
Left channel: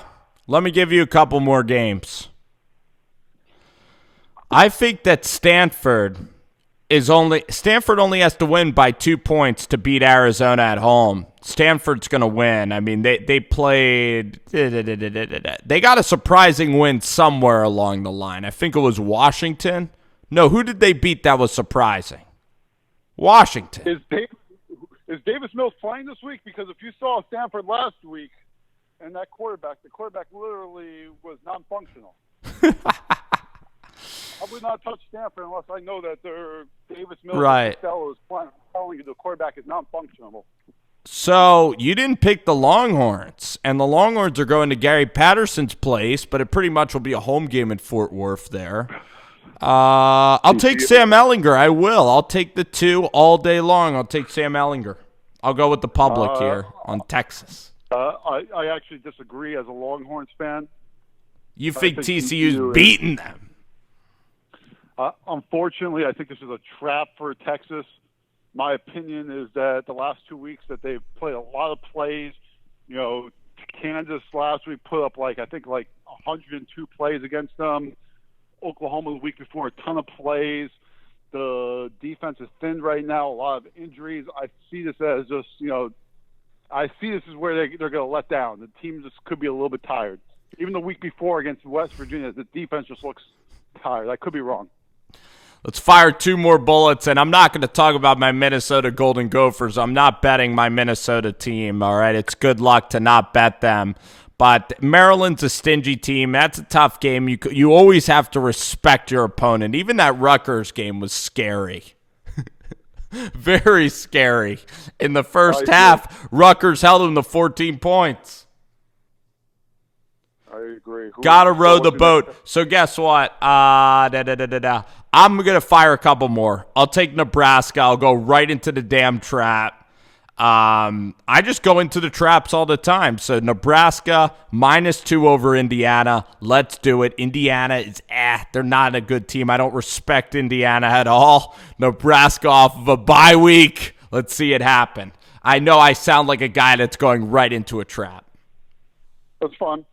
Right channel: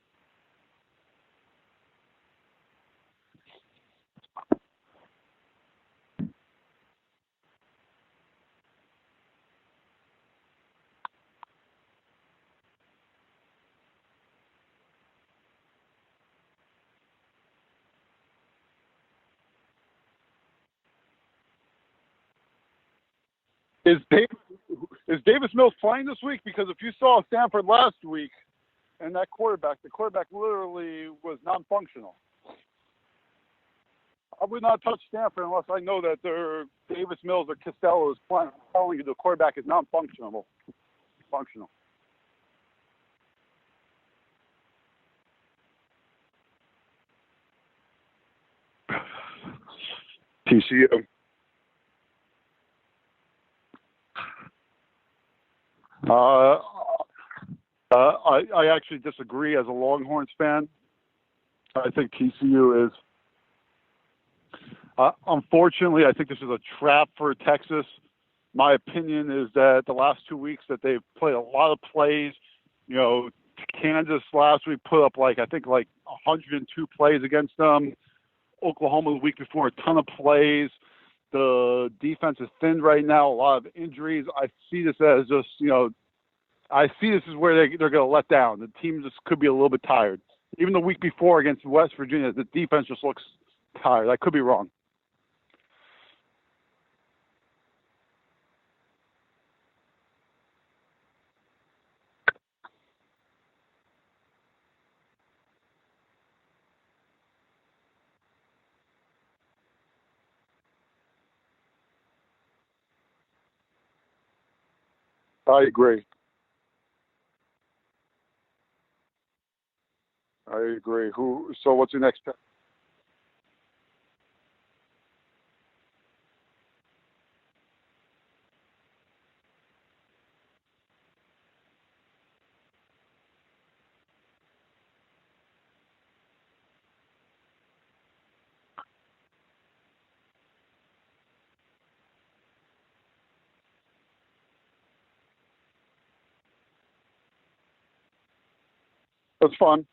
Let me give you a couple more games. I think that Stanford only has to win by 2 points to beat Arizona at home. Stanford's going to win. I mean, they played – they got a surprising win somewhere along the line. I think it was Washington. No, who did they beat that was surprising? Washington. Is Davis Mills playing this week? Because if you saw Stanford last week and the quarterback literally was non-functional. I would not touch Stanford unless I know that their Davis Mills right. Costello is playing. I'm telling you the quarterback is non-functional. So you didn't pick the Longhorns, and the Longhorns are going to Gary Patterson's place, but it pretty much will be a home game in Fort Worth there. I'll take Sam Ehlinger. I will. I'll take the 2 all day long. I'll take Sam Ehlinger. I'll go with the public here on Texas. I actually disagree as a Longhorns fan. You think TCU's beating them? Unfortunately, I think this is a trap for Texas. My opinion is that the last 2 weeks that they've played a lot of plays. Kansas last week put up like 102 plays against them. Oklahoma the week before, a ton of plays. The defense is thin right now, a lot of injuries. I see this as just, I see this is where they're going to let down. The team just could be a little bit tired. Even the week before against West Virginia, the defense just looks tired. I could be wrong. Let's fire 2 more bullets, and I'm not going to talk about my Minnesota Golden Gophers. I'm not betting my Minnesota team, all right? It's good luck to not bet them. But Maryland's a stingy team. That's a tough game. You always have to respect your opponent. Even that Rutgers game was scary. Very scary. In the first half, Rutgers held them to 14 points. I agree. Got to row the boat. So guess what? I'm going to fire a couple more. I'll take Nebraska. I'll go right into the damn trap. I just go into the traps all the time. So Nebraska -2 over Indiana. Let's do it. Indiana is they're not a good team. I don't respect Indiana at all. Nebraska off of a bye week. Let's see it happen. I know I sound like a guy that's going right into a trap. That's fun.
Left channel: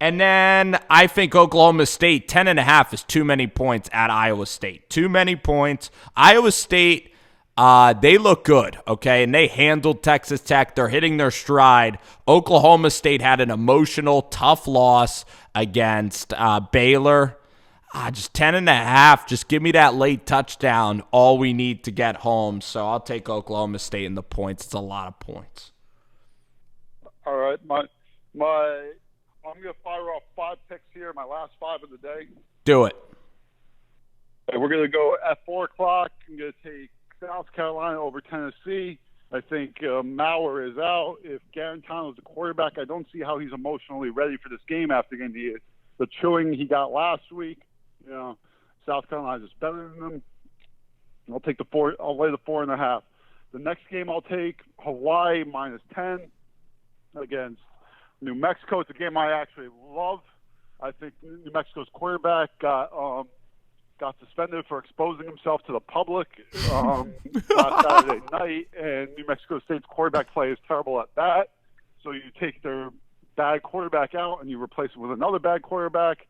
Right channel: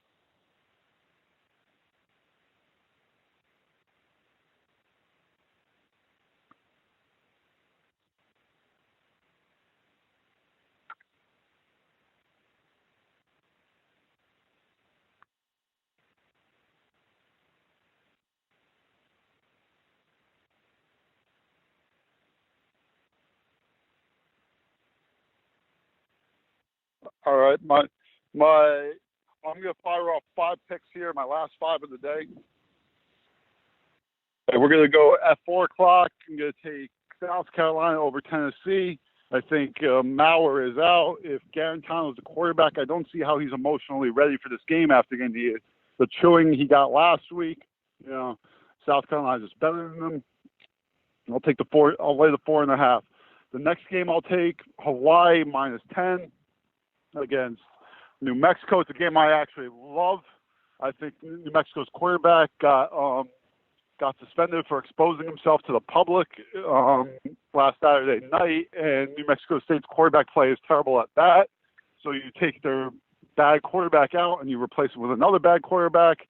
And then I think Oklahoma State, 10.5 is too many points at Iowa State. Too many points. Iowa State, they look good, okay? And they handled Texas Tech. They're hitting their stride. Oklahoma State had an emotional, tough loss against Baylor. Just 10.5. Just give me that late touchdown. All we need to get home. So I'll take Oklahoma State in the points. It's a lot of points. All right. I'm going to fire off 5 picks here, my last 5 of the day. Do it. Okay, we're going to go at 4 o'clock. I'm going to take South Carolina over Tennessee. I think Maurer is out. If Garantano is the quarterback, I don't see how he's emotionally ready for this game after getting the chewing he got last week. South Carolina is better than them. I'll take the 4. I'll lay the 4.5. The next game I'll take Hawaii -10 against New Mexico. It's a game I actually love. I think New Mexico's quarterback got suspended for exposing himself to the public last Saturday night, and New Mexico State's quarterback play is terrible at that. So you take their bad quarterback out and you replace it with another bad quarterback.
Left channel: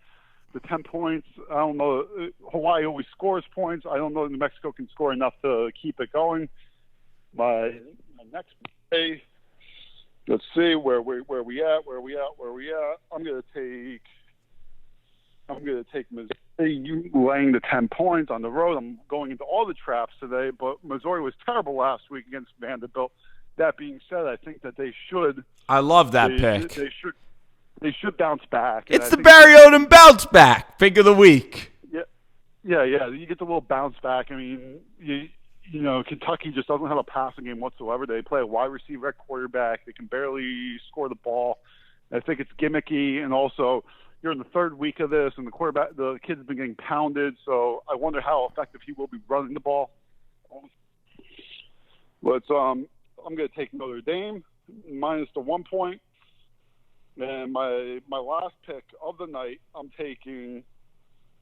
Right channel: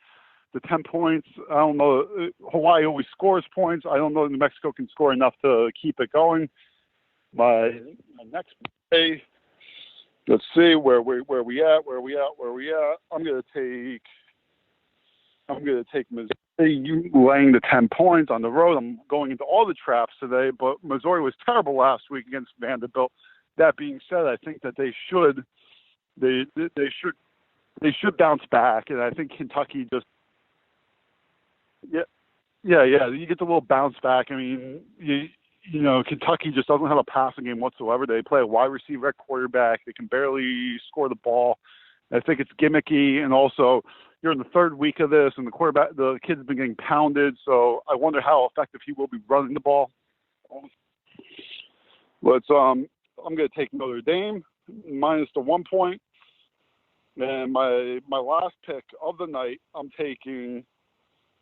The 10 points, I don't know. Hawaii always scores points. I don't know New Mexico can score enough to keep it going. My next play. Let's see where we at. I'm gonna take Missouri laying the 10 points on the road. I'm going into all the traps today, but Missouri was terrible last week against Vanderbilt. That being said, I think that they should. I love that pick. They should bounce back. It's the Barry Odom bounce back pick of the week. Yeah. You get the little bounce back. I mean, Kentucky just doesn't have a passing game whatsoever. They play a wide receiver at quarterback. They can barely score the ball. I think it's gimmicky, and also you're in the 3rd week of this, and the kid's been getting pounded. So I wonder how effective he will be running the ball. Let's I'm going to take Notre Dame minus the 1 point. And my last pick of the night, I'm taking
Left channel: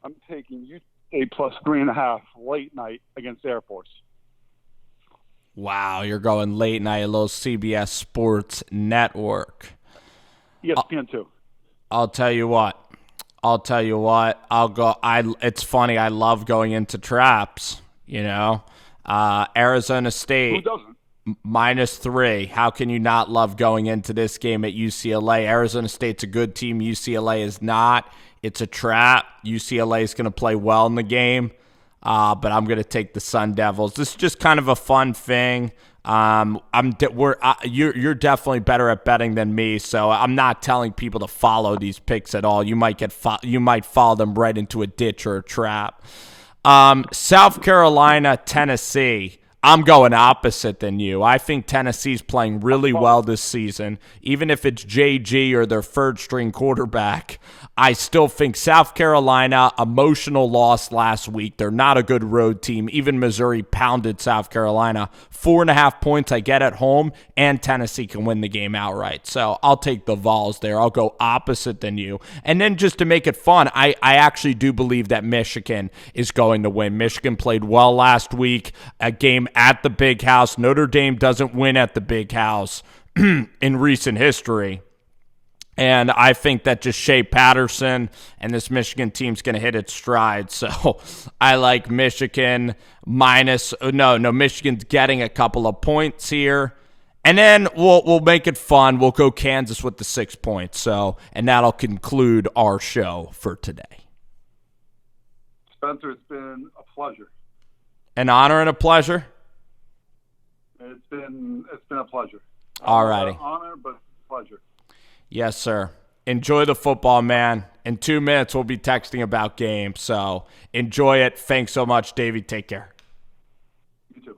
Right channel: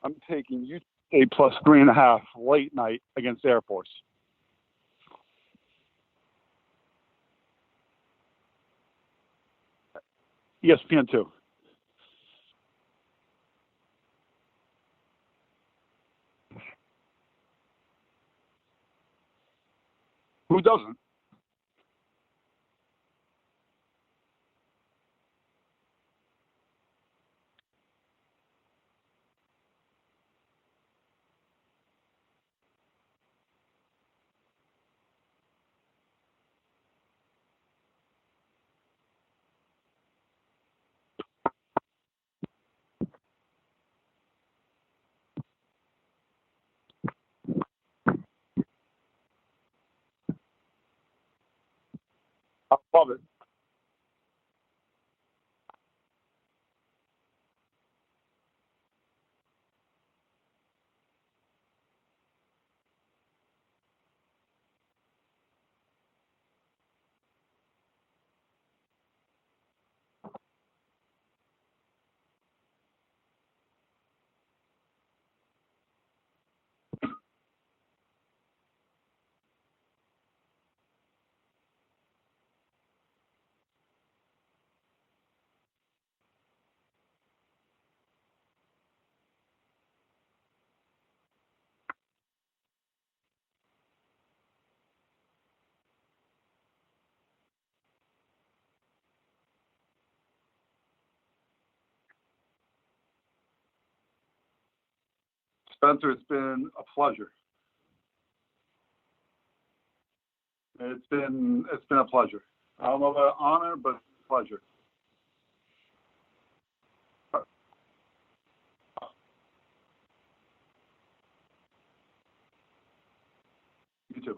UTA plus 3.5 late night against Air Force. Wow, you're going late night, a little CBS Sports Network. ESPN too. I'll tell you what. I'll go. It's funny. I love going into traps. Arizona State. Who doesn't? -3. How can you not love going into this game at UCLA? Arizona State's a good team. UCLA is not. It's a trap. UCLA is going to play well in the game, but I'm going to take the Sun Devils. This is just kind of a fun thing. You're definitely better at betting than me, so I'm not telling people to follow these picks at all. You might follow them right into a ditch or a trap. South Carolina, Tennessee. I'm going opposite than you. I think Tennessee's playing really well this season. Even if it's JG or their third-string quarterback, I still think South Carolina, emotional loss last week. They're not a good road team. Even Missouri pounded South Carolina. 4.5 points I get at home, and Tennessee can win the game outright. So I'll take the Vols there. I'll go opposite than you. And then just to make it fun, I actually do believe that Michigan is going to win. Michigan played well last week, a game at the Big House. Notre Dame doesn't win at the Big House in recent history. And I think that just Shea Patterson and this Michigan team's going to hit its stride. So I like Michigan Michigan's getting a couple of points here. And then we'll make it fun. We'll go Kansas with the 6 points. And that'll conclude our show for today. Spencer, it's been a pleasure. An honor and a pleasure? It's been a pleasure. All righty. Honor, but pleasure. Yes, sir. Enjoy the football, man. In 2 minutes, we'll be texting about games. So enjoy it. Thanks so much, Davey. Take care. You too.